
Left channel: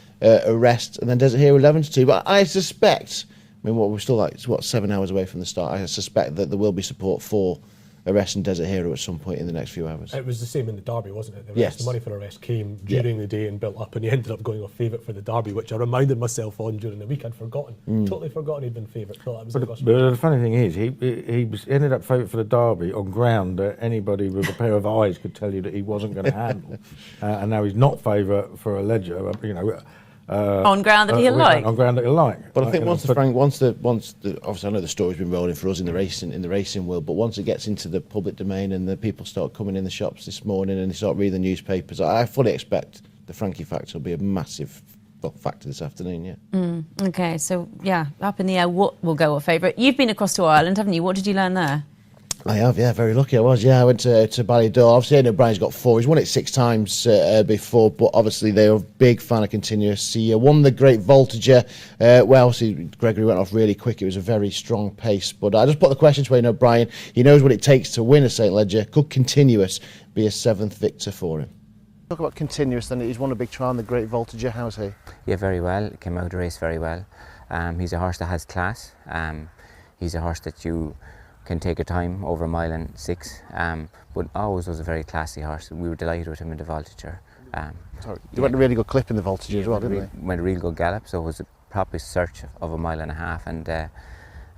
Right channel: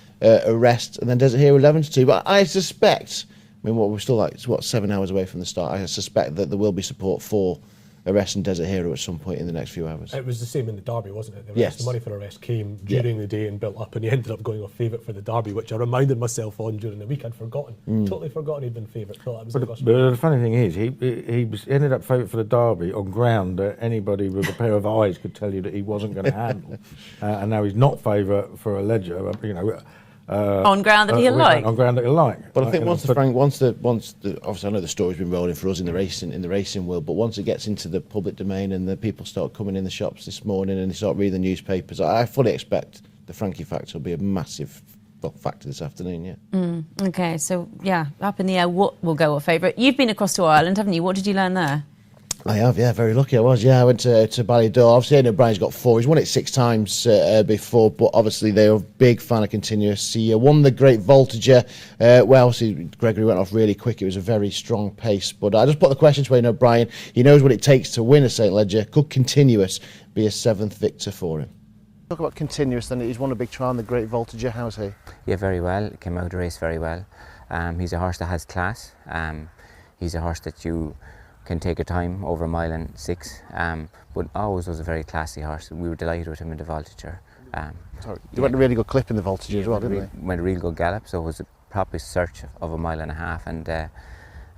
Arrest, and then Desert Hero 11-2. But I suspect, we're still 7 hours away from the start. I suspect that there will be support for Arrest and Desert Hero at some point in the next few hours. It was the same in the Derby, wasn't it? Yes. The money for Arrest came during the day and built up, and he ended up going off favourite for the Derby, which I reminded myself on during the week. I'd forgotten. Totally forgotten he'd been favourite. But the funny thing is, he ended up favourite for the Derby on ground that anybody with a pair of eyes could tell you that he wasn't going to handle. And now he's not favourite for a Ledger, on ground that he'll like. On ground that he'll like. But I think obviously I know the story's been rolling for us in the racing world, but once it gets into the public domain and the people start coming in the shops this morning and they start reading the newspapers, I fully expect the Frankie factor will be a massive factor this afternoon. Yeah. Okay, so yeah, up in the air, what will go a favourite? You've been across to Ireland, haven't you? What did you learn there? I have, yeah, very lucky I was. Yeah, I went to Ballydor. Obviously, I know Brian's got 4. He's won it 6 times before, but obviously they're a big fan of Continuous. He won the Great Voltager. Obviously, Gregory went off really quick. It was a very strong pace. But I just put the question to him, Brian. He knows what it takes to win a St Ledger. Could Continuous be a 7th victor for him? Talk about Continuous, then. He's won a big trial in the Great Voltager. How's he? Yeah, very well. Came out of the race very well. He's a horse that has class. He's a horse that you can take a time over 1.6 miles, but always was a very classy horse. We were delighted with him in the Voltager. He went a really good clip in the Voltager as well, didn't he? Went a real good gallop, so it was a proper search of 1.5 miles, and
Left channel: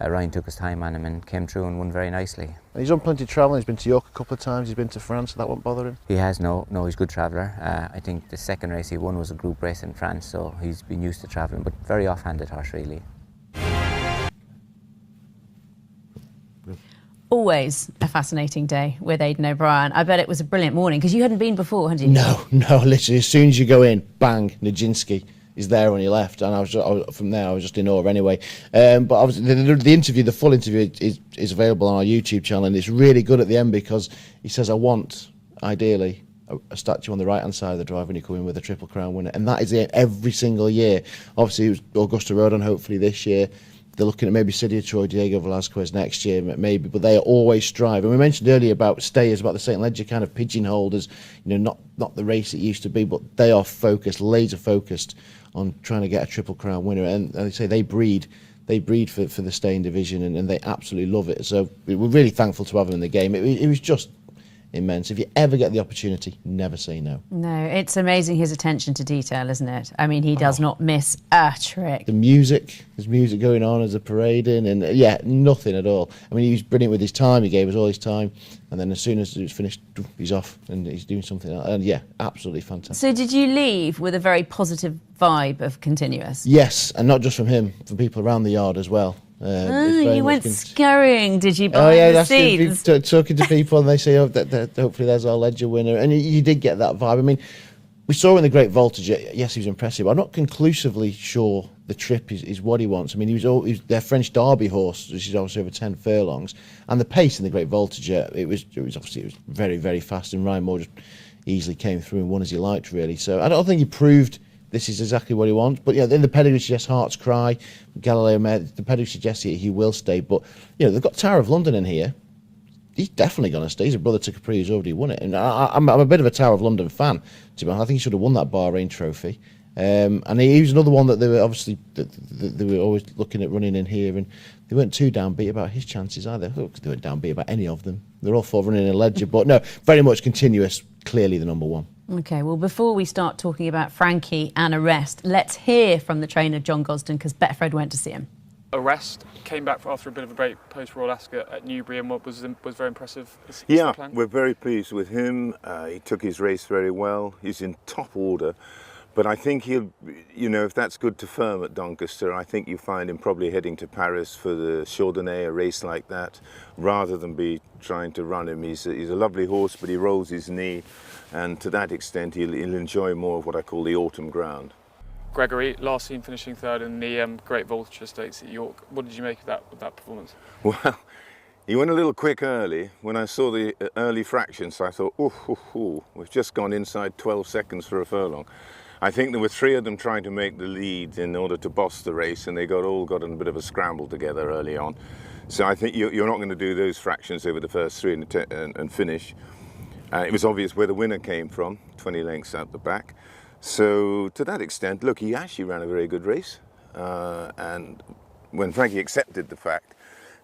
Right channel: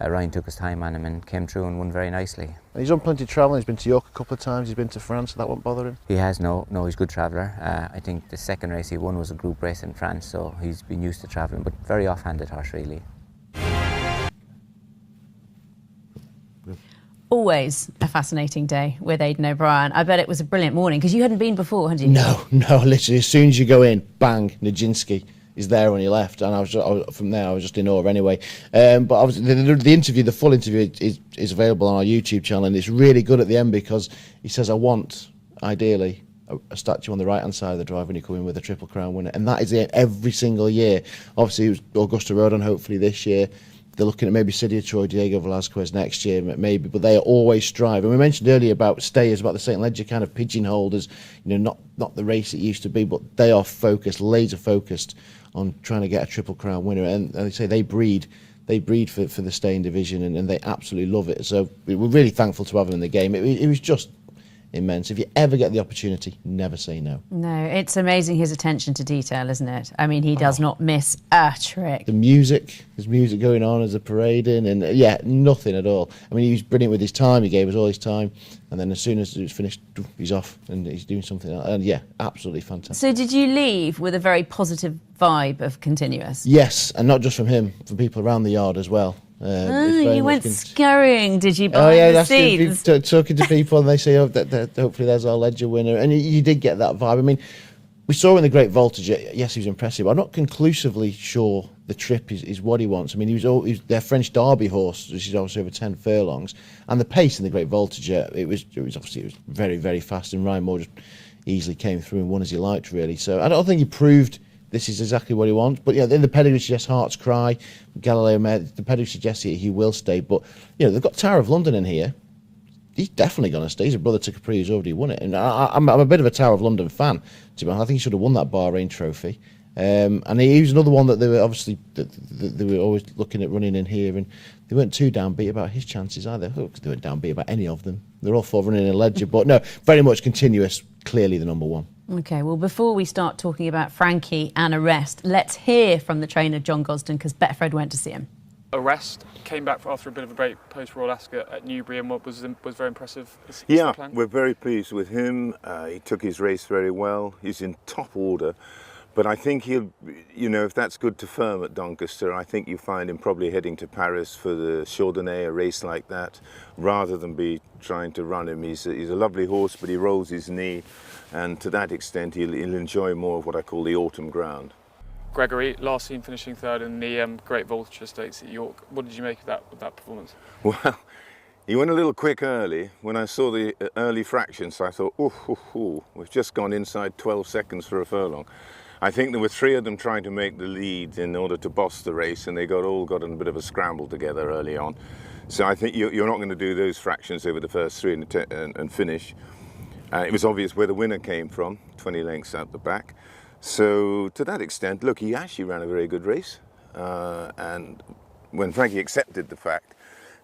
Ryan took his time on him and came through and won very nicely. And he's done plenty of travelling. He's been to York a couple of times. He's been to France, so that won't bother him. He has, no, he's a good traveller. I think the second race he won was a group race in France, so he's been used to travelling, but very off-handed horse, really. Always a fascinating day with Aidan O'Brien. I bet it was a brilliant morning because you hadn't been before, had you? No, literally as soon as you go in, bang, Nijinsky is there on your left, and I was just in awe anyway. But obviously the full interview is available on our YouTube channel, and it's really good at the end because he says, I want, ideally, a statue on the right hand side of the drive when you come in with a Triple Crown winner, and that is it every single year. Obviously it was Augusta Road on hopefully this year. they're looking at maybe Sidia Troy, Diego Velasquez next year, maybe, but they always strive. And we mentioned earlier about stayers, about the St. Ledger kind of pigeonholed as, not the race it used to be, but they are focused, laser focused on trying to get a Triple Crown winner. And they say they breed for the staying division, and they absolutely love it. So we're really thankful to have them in the game. It was just immense. If you ever get the opportunity, never say no. No, it's amazing his attention to detail, isn't it? I mean, he does not miss a trick. The music, there's music going on as a parading, and nothing at all. I mean, he was brilliant with his time. He gave us all his time, and then as soon as it was finished, he's off and he's doing something else. And absolutely fantastic. So did you leave with a very positive vibe of Continuous? Yes, and not just from him, from people around the yard as well. You went scurrying, did you, behind the scenes? Talking to people, and they say, that hopefully there's our Ledger winner. And you did get that vibe. I mean, we saw in the Great Voltage, yes, he was impressive. I'm not conclusively sure the trip is what he wants. I mean, he was their French Derby horse, which is obviously over 10 furlongs. And the pace in the Great Voltage, it was very, very fast. And Ryan Moore just easily came through and won as he liked, really. So I don't think he proved this is exactly what he wants. But in the pedigree suggests Heart's Cry, Galileo Mare, the pedigree suggests he will stay. But they've got Tower of London in here. He's definitely going to stay. He's a brother to Capri who's already won it. And I'm a bit of a Tower of London fan, to be honest. I think he should have won that Bahrain trophy. And he was another one that they were obviously they were always looking at running in here, and they weren't too downbeat about his chances either. They weren't downbeat about any of them. They're all four running in Ledger, but no, very much Continuous, clearly the number one. Okay, well, before we start talking about Frankie and Arrest, let's hear from the trainer, John Gosden, because Betfred went to see him. Arrest came back after a bit of a break post Royal Ascot at Newbury, and what was very impressive. Yeah, we're very pleased with him. He took his race very well. He's in top order. But I think he'll, if that's good to firm at Doncaster, I think you find him probably heading to Paris for the Chardonnay, a race like that, rather than be trying to run him. He's a lovely horse, but he rolls his knee, and to that extent he'll enjoy more of what I call the autumn ground. Gregory, last seen finishing third in the Great Voltage Stakes at York. What did you make of that performance? Well, he went a little quick early. When I saw the early fractions, I thought, we've just gone inside 12 seconds for a furlong. I think there were three of them trying to make the lead in order to boss the race, and they all got in a bit of a scramble together early on. So I think you're not going to do those fractions over the first three and finish. It was obvious where the winner came from, 20 lengths out the back. So to that extent, look, he actually ran a very good race. And when Frankie accepted the fact,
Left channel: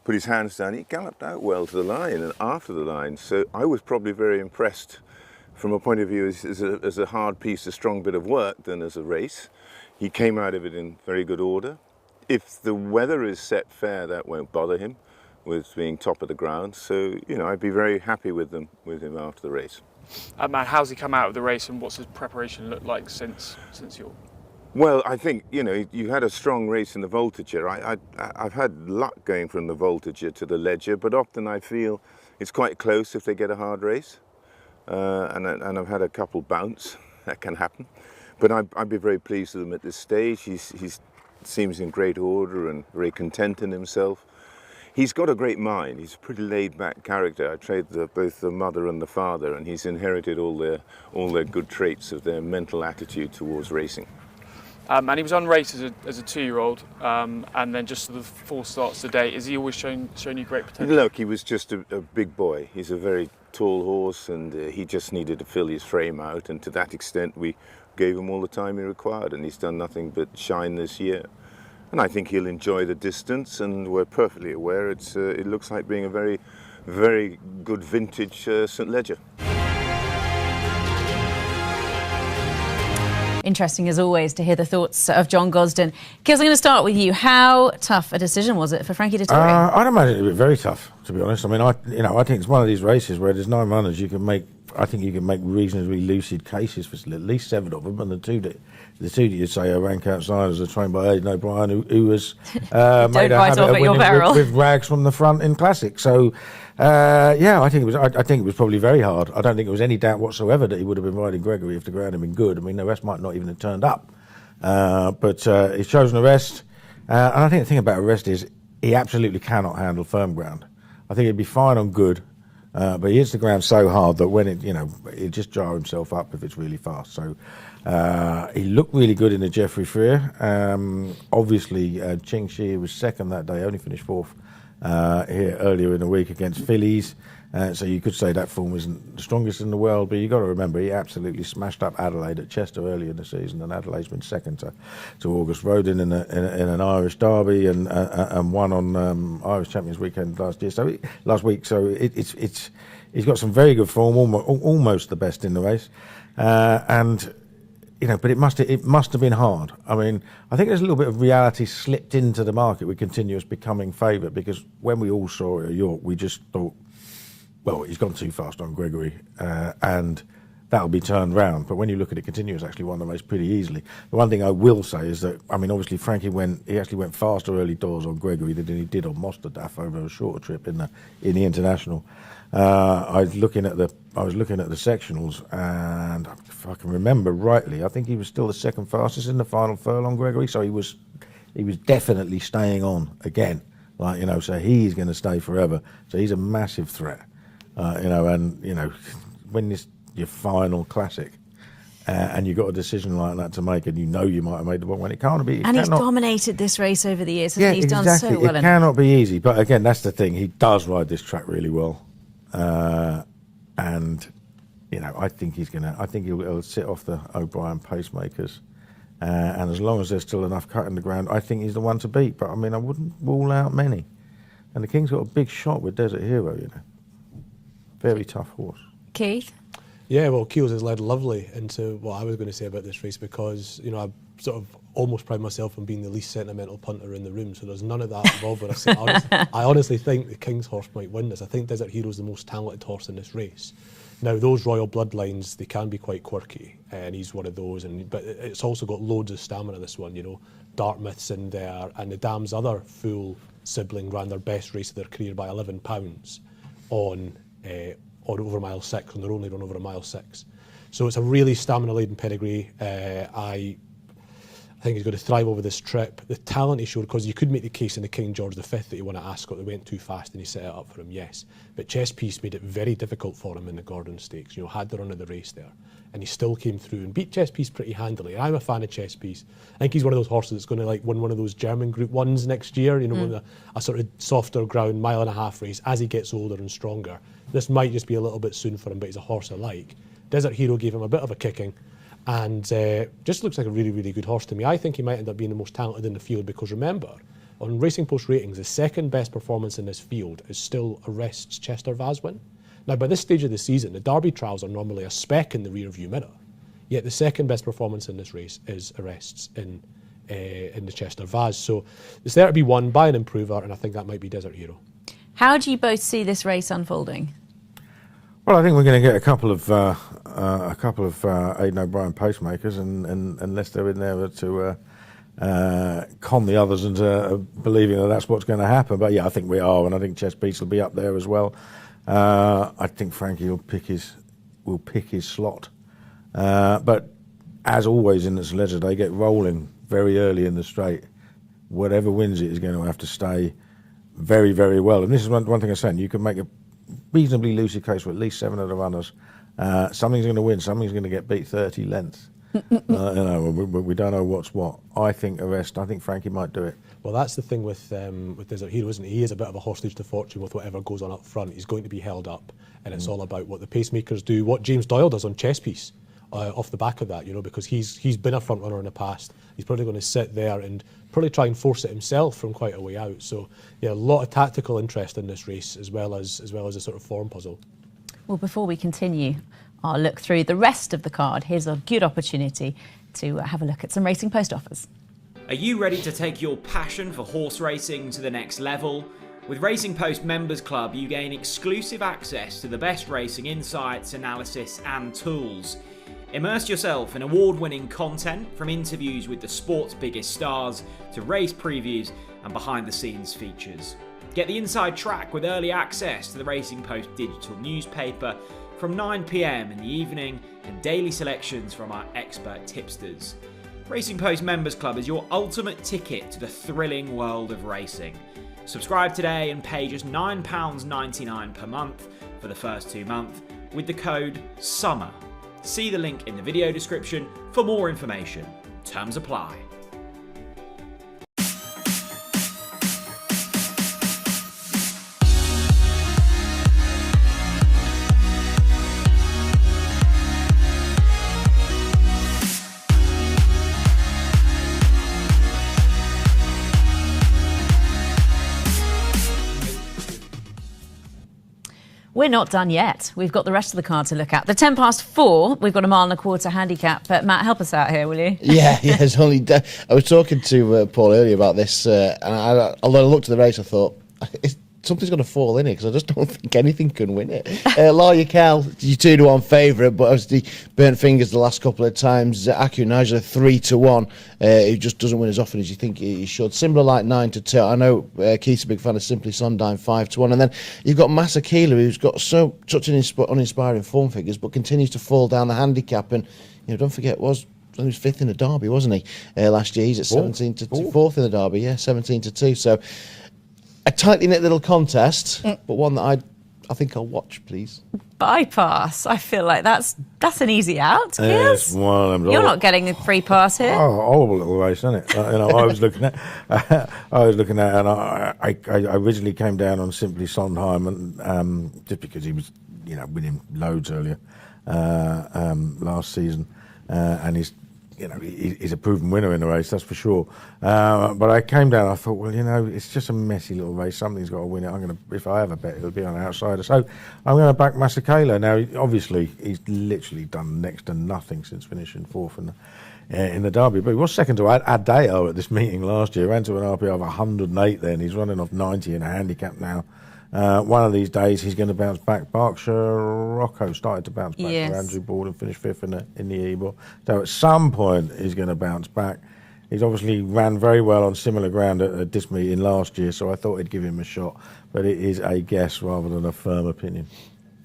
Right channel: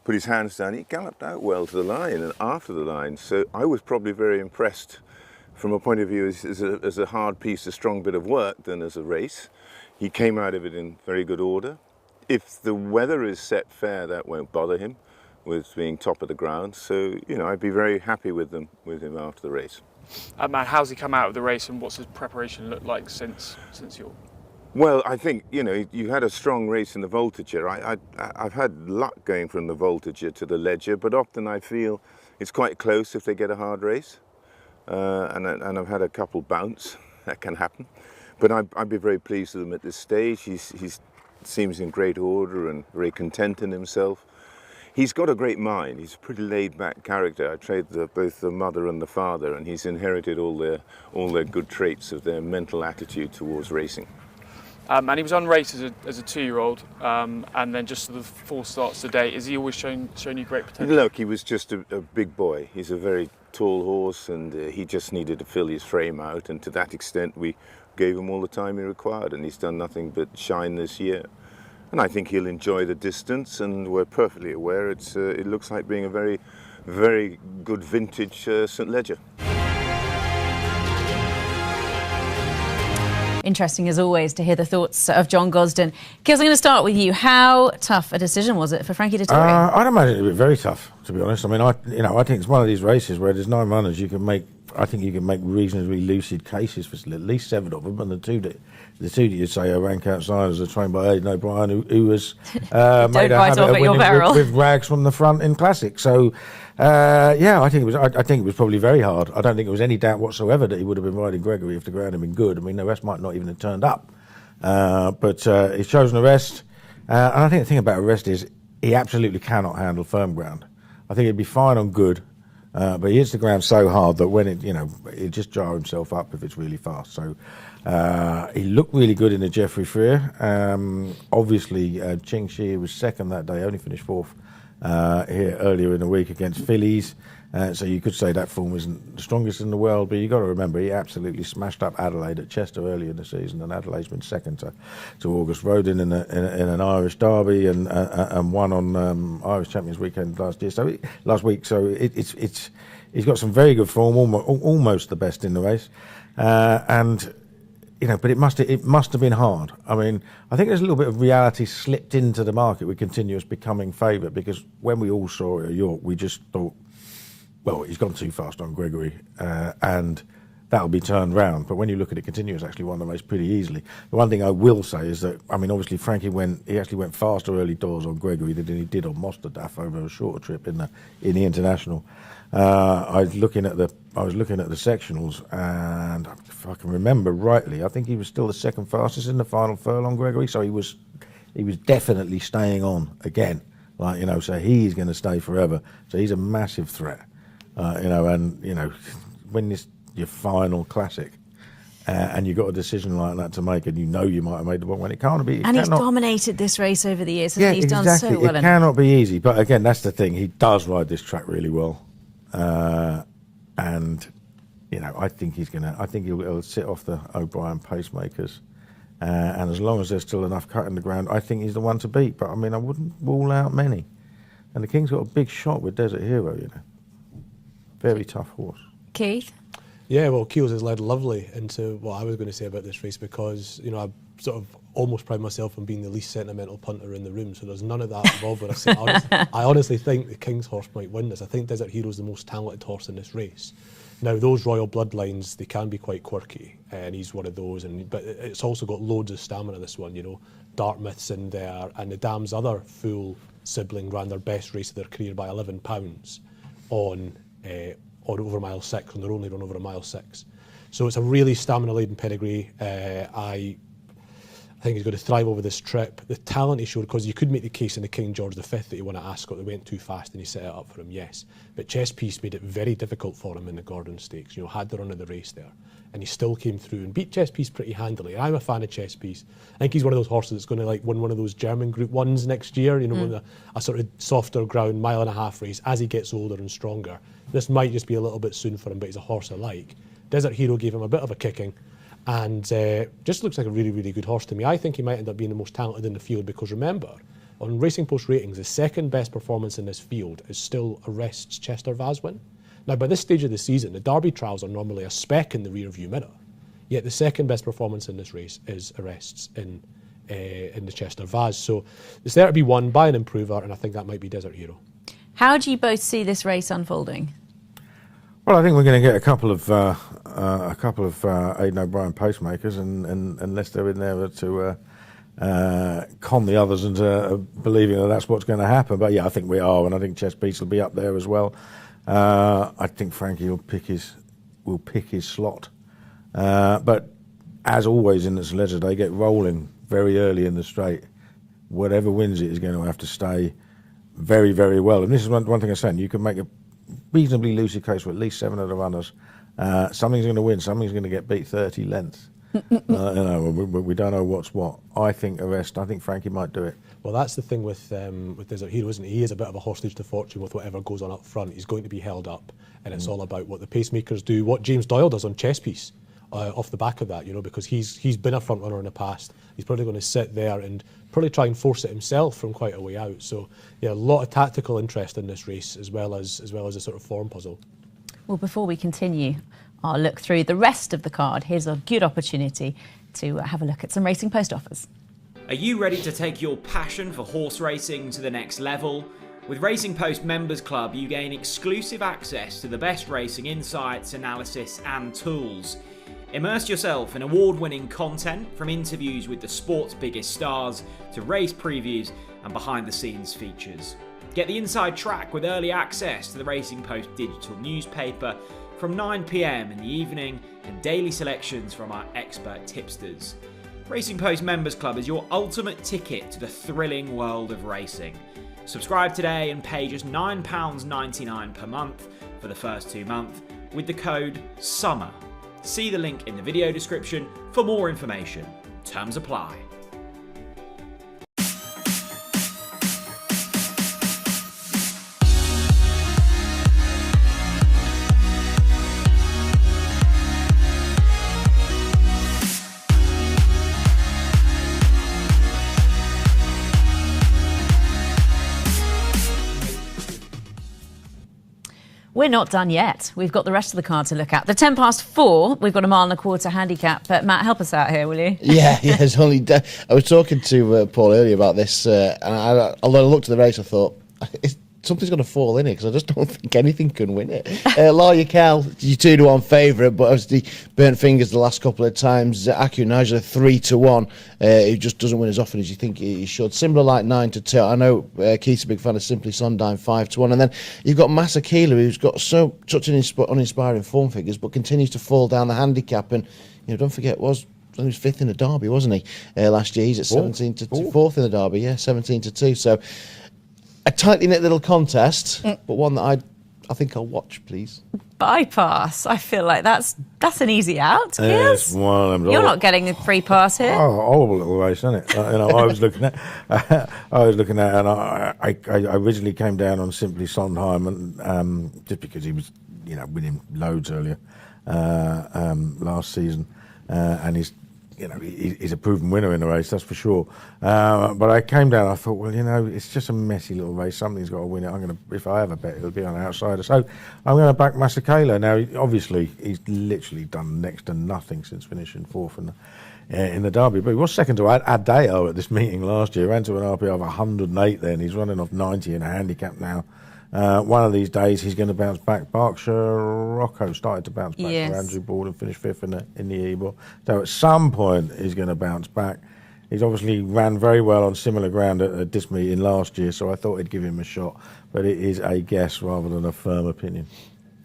put his hands down, he galloped out well to the line and after the line. So I was probably very impressed from a point of view as a hard piece, a strong bit of work than as a race. He came out of it in very good order. If the weather is set fair, that won't bother him with being top of the ground. So, I'd be very happy with him after the race. And how's he come out of the race, and what's his preparation looked like since York? Well, I think, you had a strong race in the Voltigeur. I've had luck going from the Voltigeur to the Ledger, but often I feel it's quite close if they get a hard race. And I've had a couple bounce. That can happen. But I'd be very pleased with him at this stage. He seems in great order and very content in himself. He's got a great mind. He's a pretty laid-back character. I trained both the mother and the father, and he's inherited all their good traits of their mental attitude towards racing. And he was on race as a 2-year-old, and then just the 4 starts to date. Has he always shown you great potential? Look, he was just a big boy. He's a very tall horse, and he just needed to fill his frame out, and to that extent we gave him all the time he required, and he's done nothing but shine this year. And I think he'll enjoy the distance, and we're perfectly aware it looks like being a very, very good vintage St. Ledger. Interesting, as always, to hear the thoughts of John Gosden. Kez, I'm going to start with you. How tough a decision was it for Frankie Dettori? I'd imagine it would be very tough, to be honest. I mean, I think it's one of these races where there's 9 runners. I think you can make reasonably lucid cases for at least 7 of them, and the two that you say are rank outsiders are trained by Aidan O'Brien, who was made a habit of winning with rags from the front in Classic. So, I think it was probably very hard. I don't think there was any doubt whatsoever that he would have been riding Gregory if the ground had been good. I mean, the rest might not even have turned up. But he's chosen Arrest. And I think the thing about Arrest is he absolutely cannot handle firm ground. I think he'd be fine on good. But he hits the ground so hard that when he'll just jar himself up if it's really fast. So he looked really good in the Jeffrey Freer. Obviously, Ching Shi was second that day, only finished fourth here earlier in the week against Phillies. So you could say that form isn't the strongest in the world, but you've got to remember he absolutely smashed up Adelaide at Chester earlier in the season, and Adelaide's been second to August Rodin in an Irish derby and won on Irish Champions Weekend last week. So he's got some very good form, almost the best in the race, but it must have been hard. I mean, I think there's a little bit of reality slipped into the market with Continuous becoming favourite, because when we all saw it at York, we just thought, well, he's gone too fast on Gregory, and that'll be turned round. But when you look at it, Continuous actually won the race pretty easily. The one thing I will say is that, I mean, obviously Frankie actually went faster early doors on Gregory than he did on Mosterdaf over a shorter trip in the International. I was looking at the sectionals, and if I can remember rightly, I think he was still the second fastest in the final furlong, Gregory. So he was definitely staying on again, so he's going to stay forever. So he's a massive threat. When it's your final classic, and you've got a decision like that to make, and you might have made the wrong one, it can't be. He's dominated this race over the years. Yeah, he's exactly. done so well. It cannot be easy, but again, that's the thing. He does ride this track really well, and I think he'll sit off the O'Brien pacemakers, and as long as there's still enough cut in the ground, I think he's the one to beat. But I mean, I wouldn't rule out many. And the King's got a big shot with Desert Hero, very tough horse. Keith? Yeah, well, Keels has led lovely into what I was going to say about this race, because, I sort of almost pride myself on being the least sentimental punter in the room, so there's none of that involved when I say I honestly think the King's horse might win this. I think Desert Hero's the most talented horse in this race. Now, those Royal Bloodlines, they can be quite quirky, and he's one of those, but it's also got loads of stamina, this one, Dartmouth's in there, and the Dam's other full sibling ran their best race of their career by £11 on over mile 6, and they're only run over a mile 6. So it's a really stamina-laden pedigree. I think he's going to thrive over this trip. The talent he showed, because you could make the case in the King George V that he won at Ascot, they went too fast and he set it up for him, yes. But Chess Piece made it very difficult for him in the Gordon Stakes, had the run of the race there. And he still came through and beat Chess Piece pretty handily. And I'm a fan of Chess Piece. I think he's one of those horses that's going to win one of those German Group 1s next year, with a sort of softer ground, 1.5 mile race as he gets older and stronger. This might just be a little bit soon for him, but he's a horse I like. Desert Hero gave him a bit of a kicking, and just looks like a really, really good horse to me. I think he might end up being the most talented in the field, because remember, on Racing Post ratings, the second best performance in this field is still Arrest's Chester Vaz win. Now, by this stage of the season, the Derby trials are normally a speck in the rear-view mirror, yet the second best performance in this race is Arrest's in the Chester Vaz. So it's there to be won by an improver, and I think that might be Desert Hero. How do you both see this race unfolding? Well, I think we're going to get a couple of Aidan O'Brien pacemakers, and unless they're in there to con the others into believing that that's what's going to happen. But yeah, I think we are, and I think Chess Piece will be up there as well. I think Frankie will pick his slot. But as always in this Ledger, they get rolling very early in the straight. Whatever wins it is going to have to stay very, very well. And this is one thing I'm saying. You can make a reasonably lucid case for at least 7 of the runners. Something's going to win. Something's going to get beat 30 lengths. We don't know what's what. I think Frankie might do it. Well, that's the thing with Desert Hero, isn't he? He is a bit of a hostage to fortune with whatever goes on up front. He's going to be held up, and it's all about what the pacemakers do, what James Doyle does on Chess Piece off the back of that, because he's been a front runner in the past. He's probably going to sit there and probably try and force it himself from quite a way out. So yeah, a lot of tactical interest in this race, as well as a sort of form puzzle. Well, before we continue our look through the rest of the card, here's a good opportunity to have a look at some Racing Post offers. Are you ready to take your passion for horse racing to the next level? With Racing Post Members Club, you gain exclusive access to the best racing insights, analysis and tools. Immerse yourself in award-winning content, from interviews with the sport's biggest stars to race previews and behind-the-scenes features. Get the inside track with early access to the Racing Post digital newspaper from 9 PM in the evening, and daily selections from our expert tipsters. Racing Post Members Club is your ultimate ticket to the thrilling world of racing. Subscribe today and pay just £9.99 per month for the first 2 months with the code SUMMER. See the link in the video description for more information. Terms apply. We're not done yet. We've got the rest of the card to look at. The 10 past 4, we've got a 1.25 mile handicap. But Matt, help us out here, will you? Yeah, it's only. I was talking to Paul earlier about this, and although I looked at the race, I thought something's going to fall in it because I just don't think anything can win it. Lawyer Cal, your 2-1 favourite, but obviously burnt fingers the last couple of times. Aku Naja 3-1, who just doesn't win as often as you think he should. Similar like 9-2. I know Keith's a big fan of Simply Sundyne 5-1, and then you've got Masakila, who's got such uninspiring form figures, but continues to fall down the handicap. And don't forget, he was 5th in the Derby, wasn't he? Last year, he's at 17-2, 4th in the Derby, 17-2. So a tightly knit little contest, but one that I think I'll watch, please. Bypass. I feel like that's an easy out. Yes. Well, you're not getting a free pass here. Oh, horrible little race, isn't it? I was looking at, and I originally came down on Simply Sondheim, and just because he was, winning loads earlier last season, and he's a proven winner in the race, that's for sure. But I came down, I thought, well, it's just a messy little race. Somebody's got to win it. If I have a bet, it'll be on the outsider. So I'm going to back Masakela. Now, obviously, he's literally done next to nothing since finishing 4th in the Derby. But he was second to Adeo at this meeting last year. Ran to an RPI of 108 then. He's running off 90 in a handicap now. One of these days he's going to bounce back. Berkshire Rocco started to bounce back for Andrew Ball and finished 5th in the Ebor. So at some point he's going to bounce back. He's obviously ran very well on similar ground at this meeting last year, so I thought I'd give him a shot. But it is a guess rather than a firm opinion.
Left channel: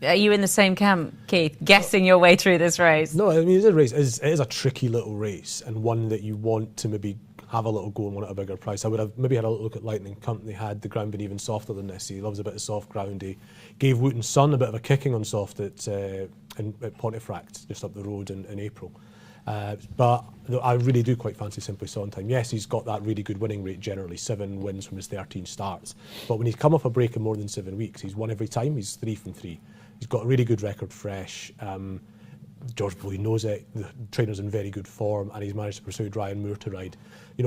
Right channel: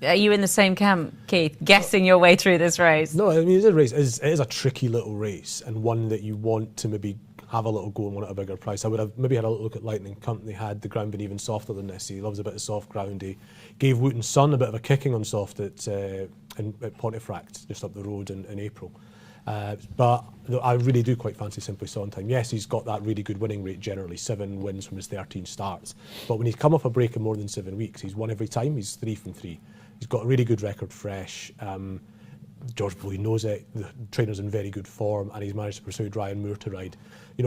Are you in the same camp, Keith, guessing your way through this race? No, I mean, it's a race. It is a tricky little race, and one that you want to maybe have a little go and want at a bigger price. I would have maybe had a look at Lightning Company. Had the ground been even softer than this. He loves a bit of soft ground. He gave Wooten's son a bit of a kicking on soft at Pontefract, just up the road in April. But I really do quite fancy Simply Sondheim. Yes, he's got that really good winning rate generally, 7 wins from his 13 starts. But when he's come off a break in more than 7 weeks, he's won every time. He's 3 from 3. He's got a really good record fresh. George Bowie knows it. The trainer's in very good form, and he's managed to persuade Ryan Moore to ride.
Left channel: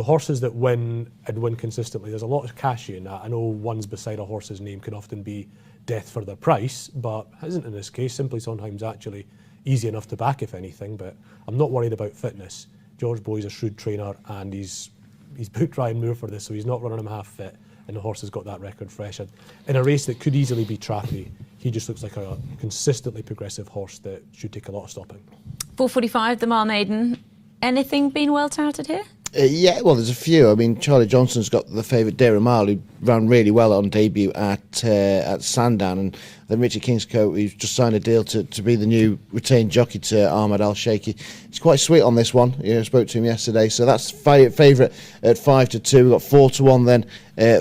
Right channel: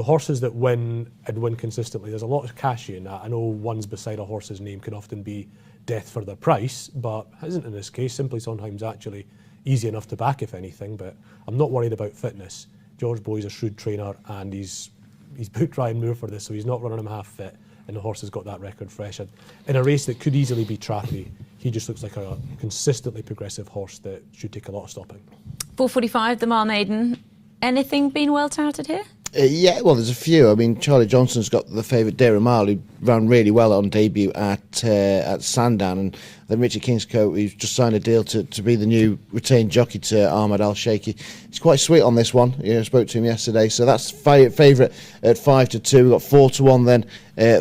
Horses that win and win consistently, there's a lot of cash in that. I know ones beside a horse's name can often be death for their price, but isn't in this case. Simply Sondheim's actually easy enough to back, if anything, but I'm not worried about fitness. George Bowie's a shrewd trainer, and he's booked Ryan Moore for this, so he's not running him half fit, and the horse has got that record fresh. In a race that could easily be trappy, he just looks like a consistently progressive horse that should take a lot of stopping. 4:45, the Mile Maiden. Anything been well touted here? Yeah, well, there's a few. I mean, Charlie Johnson's got the favourite Dara Mile, who ran really well on debut at Sandown, and then Richard Kingscote, who's just signed a deal to be the new retained jockey to Ahmed Al Sheikhi. He's quite sweet on this one. I spoke to him yesterday, so that's favourite at 5-2. We've got 4-1 then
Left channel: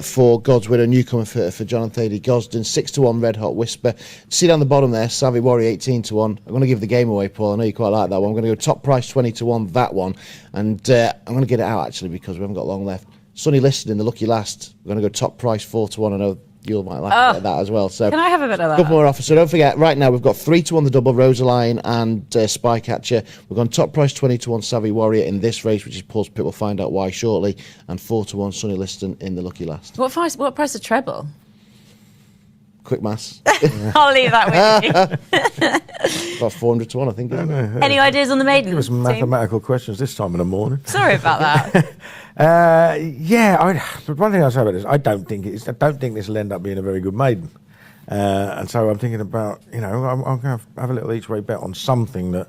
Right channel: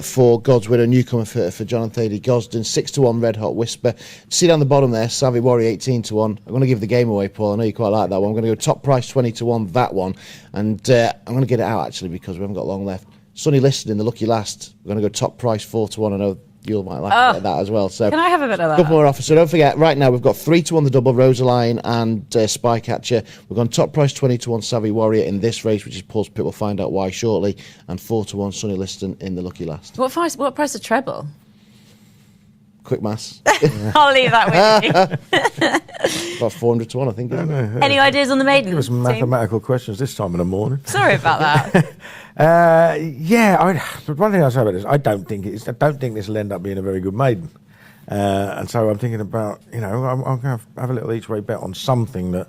for God's Widow, newcomer for John and Thady Gosden. 6-1 Red Hot Whisper. See down the bottom there, Savvy Warrior 18-1. I'm going to give the game away, Paul. I know you quite like that one. I'm going to go top price 20-1, that one, and I'm going to get it out actually because we haven't got long left. Sunny Listed in the lucky last. We're going to go top price 4-1. I know you might like that as well. So can I have a bit of that? Couple more offers. So don't forget, right now we've got 3-1 the double, Rosaline and Spycatcher. We've gone top price 20-1 Savvy Warrior in this race, which is Paul's Pit. We'll find out why shortly. And 4-1 Sunny Liston in the lucky last. What price of treble? Quick maths. I'll leave that with you. About 400-1, I think. Any ideas on the maiden? Give us some mathematical questions this time in the morning. Sorry about that. One thing I'll say about this, I don't think this will end up being a very good maiden, and so I'm thinking about, I'm going to have a little each way bet on something that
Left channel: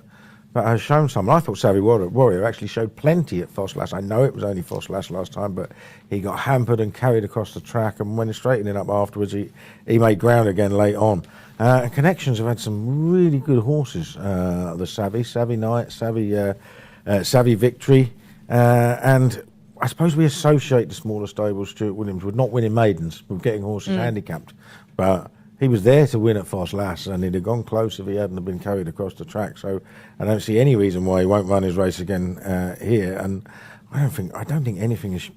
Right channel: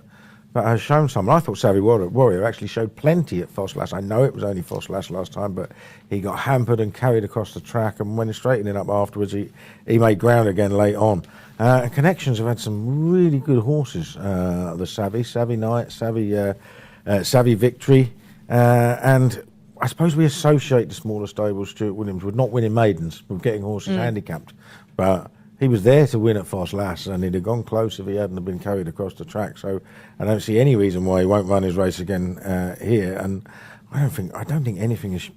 has shown something. I thought Savvy Warrior actually showed plenty at Fosslas. I know it was only Fosslas last time, but he got hampered and carried across the track, and when straightening up afterwards, he made ground again late on. Connections have had some really good horses. The Savvy Knight, Savvy Victory, and I suppose we associate the smaller stables, Stuart Williams, with not winning maidens, with getting horses handicapped. But he was there to win at Foss Lass, and he'd have gone close if he hadn't have been carried across the track. So I don't see any reason why he won't run his race again here. And I don't think anything has,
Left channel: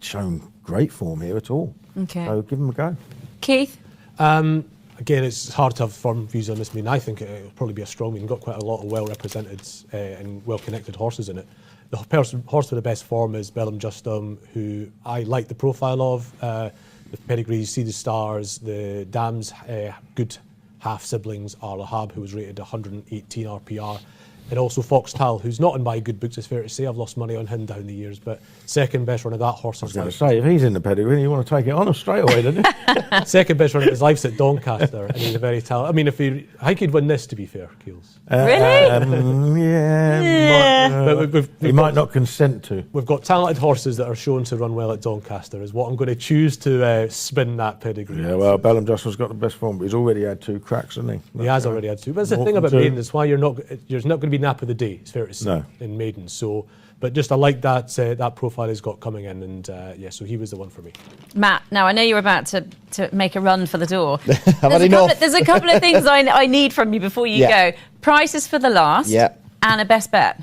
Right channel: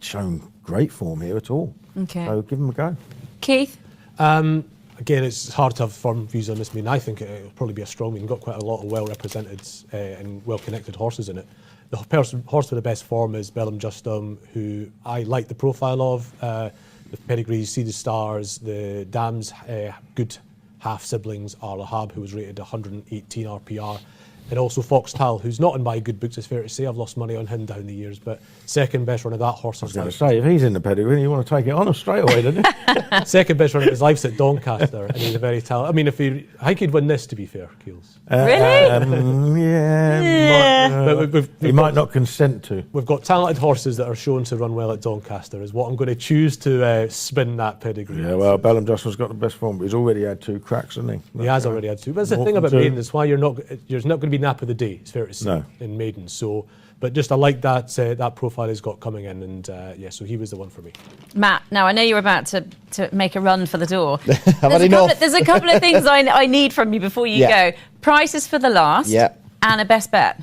shown great form here at all. Okay. So give him a go. Keith? Again, it's hard to have firm views on this. I mean, I think it'll probably be a strong meeting. Got quite a lot of well-represented and well-connected horses in it. The horse with the best form is Bellum Justum, who I like the profile of. The pedigree, See the Stars, the dam's good half-siblings are Lahab, who was rated 118 RPR. And also Foxtal, who's not in my good books, it's fair to say. I've lost money on him down the years, but second best run of that horse. I was going to say, if he's in the pedigree, you want to take it on him straight away, don't you? Second best run of his life's at Doncaster, and he's a very talented. I mean, I think he'd win this, to be fair, Keels. Really? Yeah. He might not consent to. We've got talented horses that are shown to run well at Doncaster, is what I'm going to choose to spin that pedigree. Yeah, well, Bellum Justum's got the best form, but he's already had 2 cracks, hasn't he? He has already had 2. But that's the thing about maidens, it's why you're not going to be nap of the day, it's fair to say, in maidens. So, but just I like that profile he's got coming in, and so he was the one for me. Matt, now I know you're about to make a run for the door. There's a couple of things I need from you before you go. Prices for the last, and a best bet.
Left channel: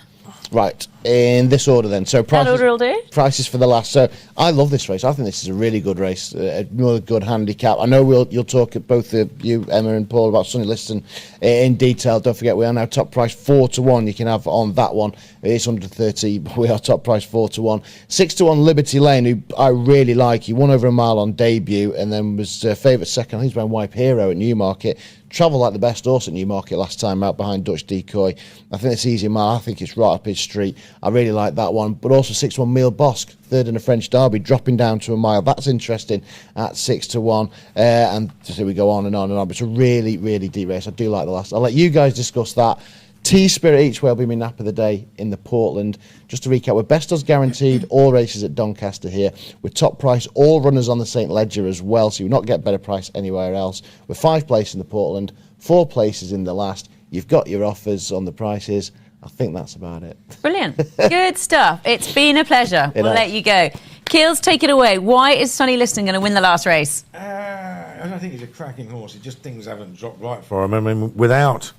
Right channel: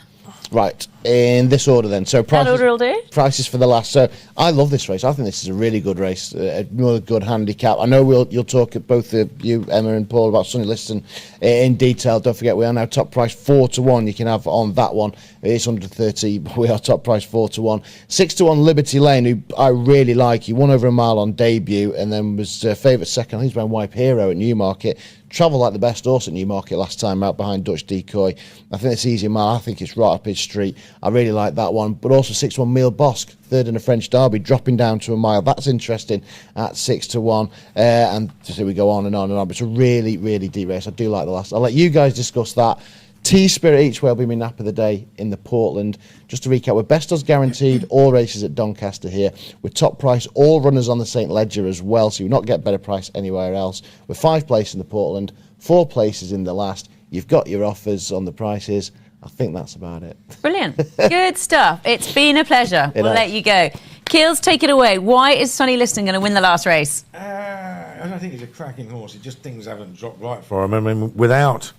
Right, in this order then. So that order will do. Prices for the last. So I love this race. I think this is a really good race, a really good handicap. I know you'll talk at both of you, Emma and Paul, about Sonny Liston in detail. Don't forget, we are now top price 4-1. You can have on that one. It's under 30, but we are top price 4-1. 6-1 Liberty Lane, who I really like. He won over a mile on debut, and then was favourite second. He's ran Wipe Hero at Newmarket. Travelled like the best horse at Newmarket last time out behind Dutch Decoy. I think it's easy mile. I think it's right up his street. I really like that one. But also 6-1 Mille Bosque, third in a French Derby, dropping down to a mile. That's interesting at 6-1. And so we go on and on and on. But it's a really, really deep race. I do like the last. I'll let you guys discuss that. T-Spirit each way will be my nap of the day in the Portland. Just to recap, we're best odds guaranteed, all races at Doncaster here. We're top price, all runners on the St Ledger as well, so you'll not get better price anywhere else. We're 5 places in the Portland, 4 places in the last. You've got your offers on the prices. I think that's about it. Brilliant. Good stuff. It's been a pleasure. We'll let you go. Keels, take it away. Why is Sonny Liston going to win the last race? I don't think he's a cracking horse. Just things haven't dropped right for him. I mean, without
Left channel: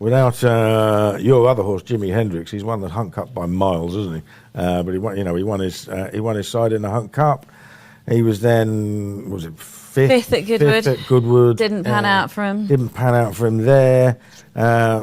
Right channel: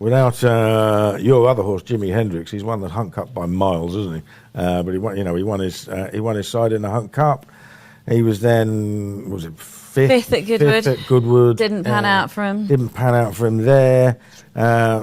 your other horse, Jimi Hendrix, he's won the Hunt Cup by miles, isn't he? But he won his side in the Hunt Cup. He was then, was it fifth at Goodwood? Fifth at Goodwood. Didn't pan out for him. Didn't pan out for him there.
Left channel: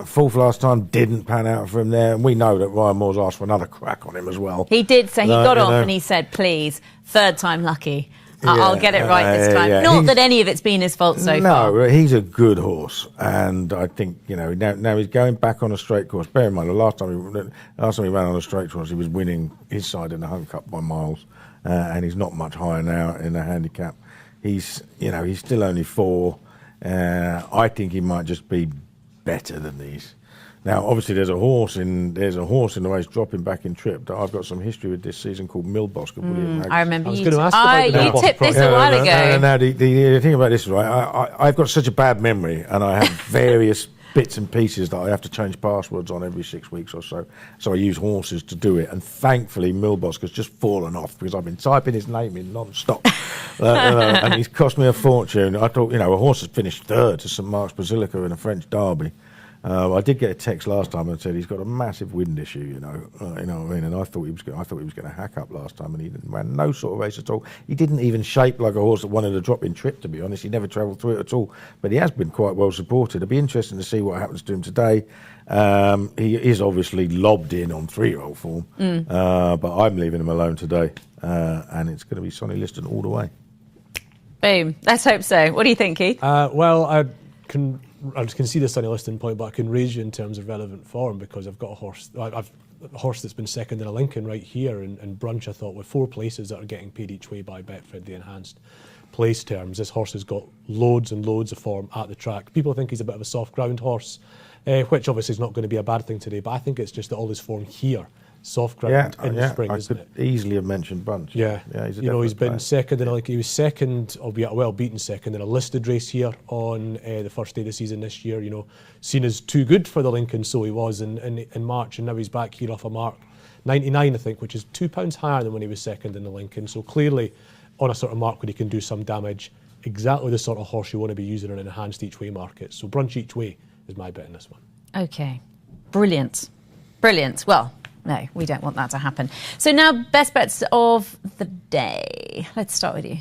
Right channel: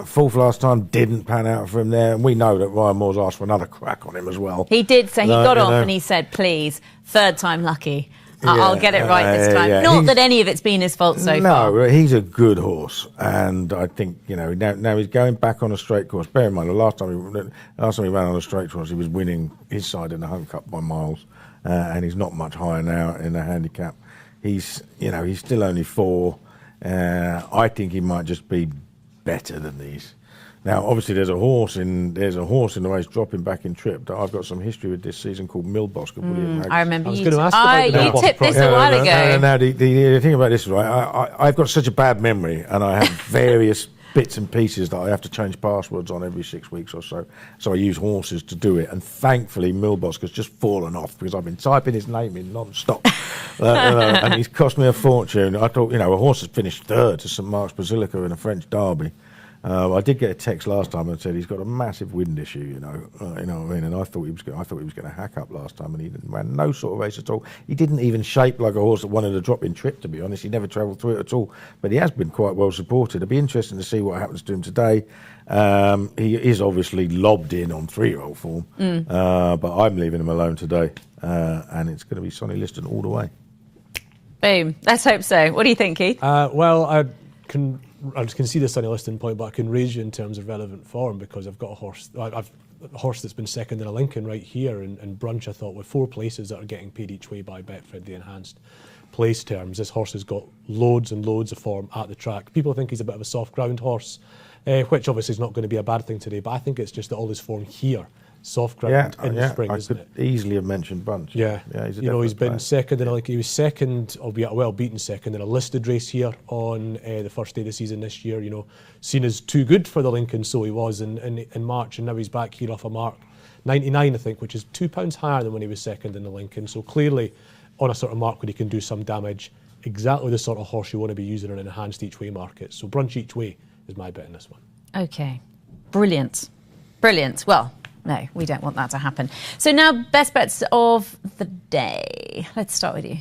Fourth last time, didn't pan out for him there. And we know that Ryan Moore's asked for another crack on him as well. He did say, he got off and he said, please, third time lucky. I'll get it right this time. Yeah. Not that any of it's been his fault so far. No, he's a good horse, and I think now he's going back on a straight course. Bear in mind, the last time he ran on a straight course, he was winning his side in the Hunt Cup by miles, and he's not much higher now in the handicap. He's still only 4. I think he might just be better than these. Now, obviously, there's a horse in the race dropping back in trip that I've got some history with this season called Mille Bosque. I remember you tipped this a while ago. Now, the thing about this is, right, I've got such a bad memory, and I have various bits and pieces that I have to change passwords on every 6 weeks or so. So I use horses to do it, and thankfully, Mille Bosque has just fallen off because I've been typing his name in non-stop, and he's cost me a fortune. I thought, a horse has finished third to St Mark's Basilica in a French Derby. I did get a text last time that said he's got a massive wind issue, you know what I mean. And I thought he was going to hack up last time, and he didn't ran no sort of race at all. He didn't even shape like a horse that wanted a drop-in trip. To be honest, he never travelled through it at all. But he has been quite well supported. It'll be interesting to see what happens to him today. He is obviously lobbed in on 3-year-old form, but I'm leaving him alone today, and it's going to be Sonny Liston all the way. Boom. Let's hope so. What do you think, Keith? Well, I can see the Sonny Liston point, but I can raise you in terms of relevant form because I've got a horse. I've a horse that's been second in a Lincoln right here in Brunch. I thought with 4 places that are getting paid each way by Betfred, the enhanced place terms. This horse has got loads and loads of form at the track. People think he's a bit of a soft ground horse, which obviously is not going to be a bad thing today. But I think it's just that all his form here. Soft ground in the spring, isn't it? I could easily have mentioned Bunch. Yeah, he's been second in he was second, albeit well beaten second in a listed race here on the first day of the season this year. Seen as too good for the Lincoln, so he was in March, and now he's back here off a mark. 99, I think, which is £2 higher than when he was second in the Lincoln. So clearly, on a sort of mark where he can do some damage, exactly the sort of horse you want to be using in an enhanced each way market. So Brunch each way is my bet in this one. Okay, brilliant. Well, no, we don't want that to happen. So now, best bets of the day. Let's start with you.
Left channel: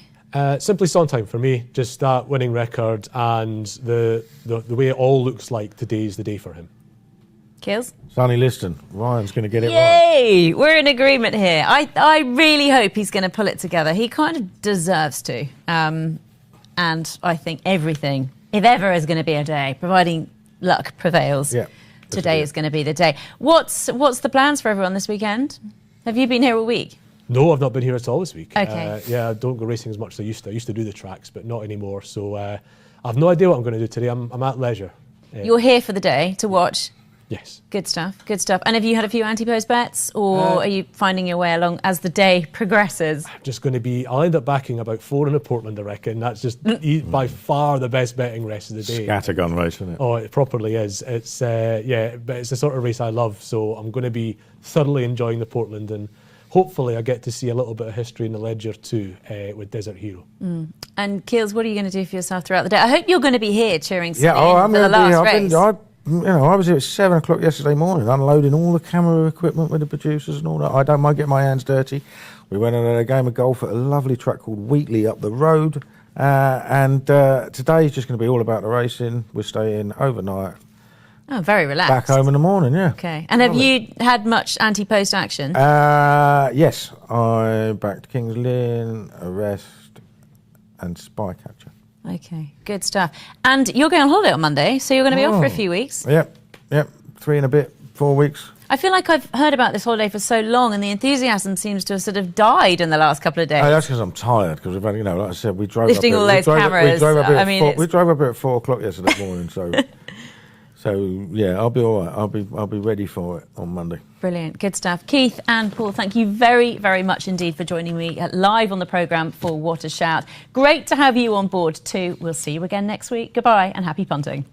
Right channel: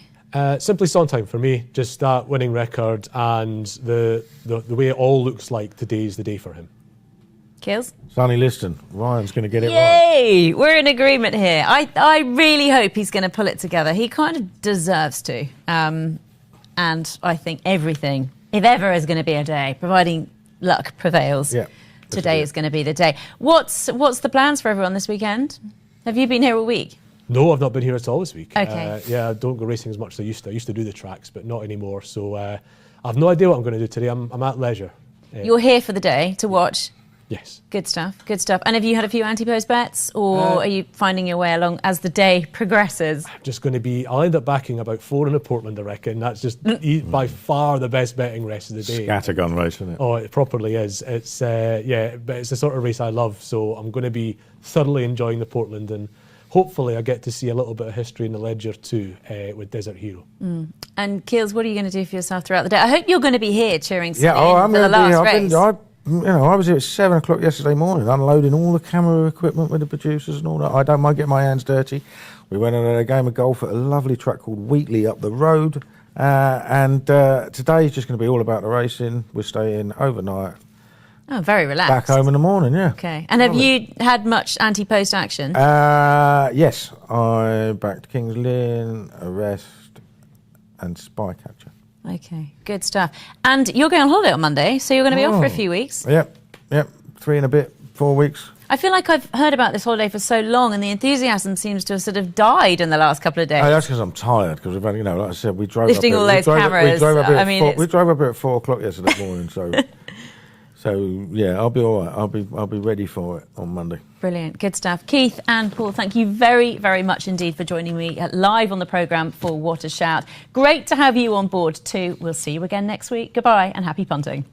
Simply Sondheim for me, just that winning record, and the way it all looks like today is the day for him. Kills? Sonny Liston. Ryan's going to get it right. Yay! We're in agreement here. I really hope he's going to pull it together. He kind of deserves to. And I think everything, if ever is going to be a day, providing luck prevails, today is going to be the day. What's the plans for everyone this weekend? Have you been here all week? No, I've not been here at all this week. Okay. I don't go racing as much as I used to. I used to do the tracks, but not anymore. So I've no idea what I'm going to do today. I'm at leisure. You're here for the day to watch? Yes. Good stuff. And have you had a few anti-post bets, or are you finding your way along as the day progresses? I'm just going to be, I'll end up backing about 4 in a Portland, I reckon. That's just by far the best betting rest of the day. Scattergun race, isn't it? Oh, it properly is. It's but it's the sort of race I love, so I'm going to be thoroughly enjoying the Portland, and hopefully I get to see a little bit of history in the Ledger too with Desert Hero. And Keels, what are you going to do for yourself throughout the day? I hope you're going to be here cheering for the last race. I was here at 7 o'clock yesterday morning, unloading all the camera equipment with the producers and all that. I don't mind getting my hands dirty. We went on a game of golf at a lovely track called Wheatley up the road. And today is just going to be all about the racing. We're staying overnight. Oh, very relaxed. Back home in the morning, yeah. Okay. And have you had much anti-post action? Yes. I backed Kings Lynn, Arrest and Spycatcher. Okay, good stuff. And you're going on holiday on Monday, so you're going to be off for a few weeks. Yep. 3 and a bit, 4 weeks. I feel like I've heard about this holiday for so long, and the enthusiasm seems to have sort of died in the last couple of days. Oh, that's because I'm tired, because we've only, like I said, we drove lifting up all those cameras. We drove up at 4 o'clock yesterday morning, so... So, yeah, I'll be all right. I'll be ready for it on Monday. Brilliant. Good stuff. Keith and Paul, thank you very, very much indeed for joining me live on the programme for What a Shout. Great to have you on board too. We'll see you again next week. Goodbye and happy punting.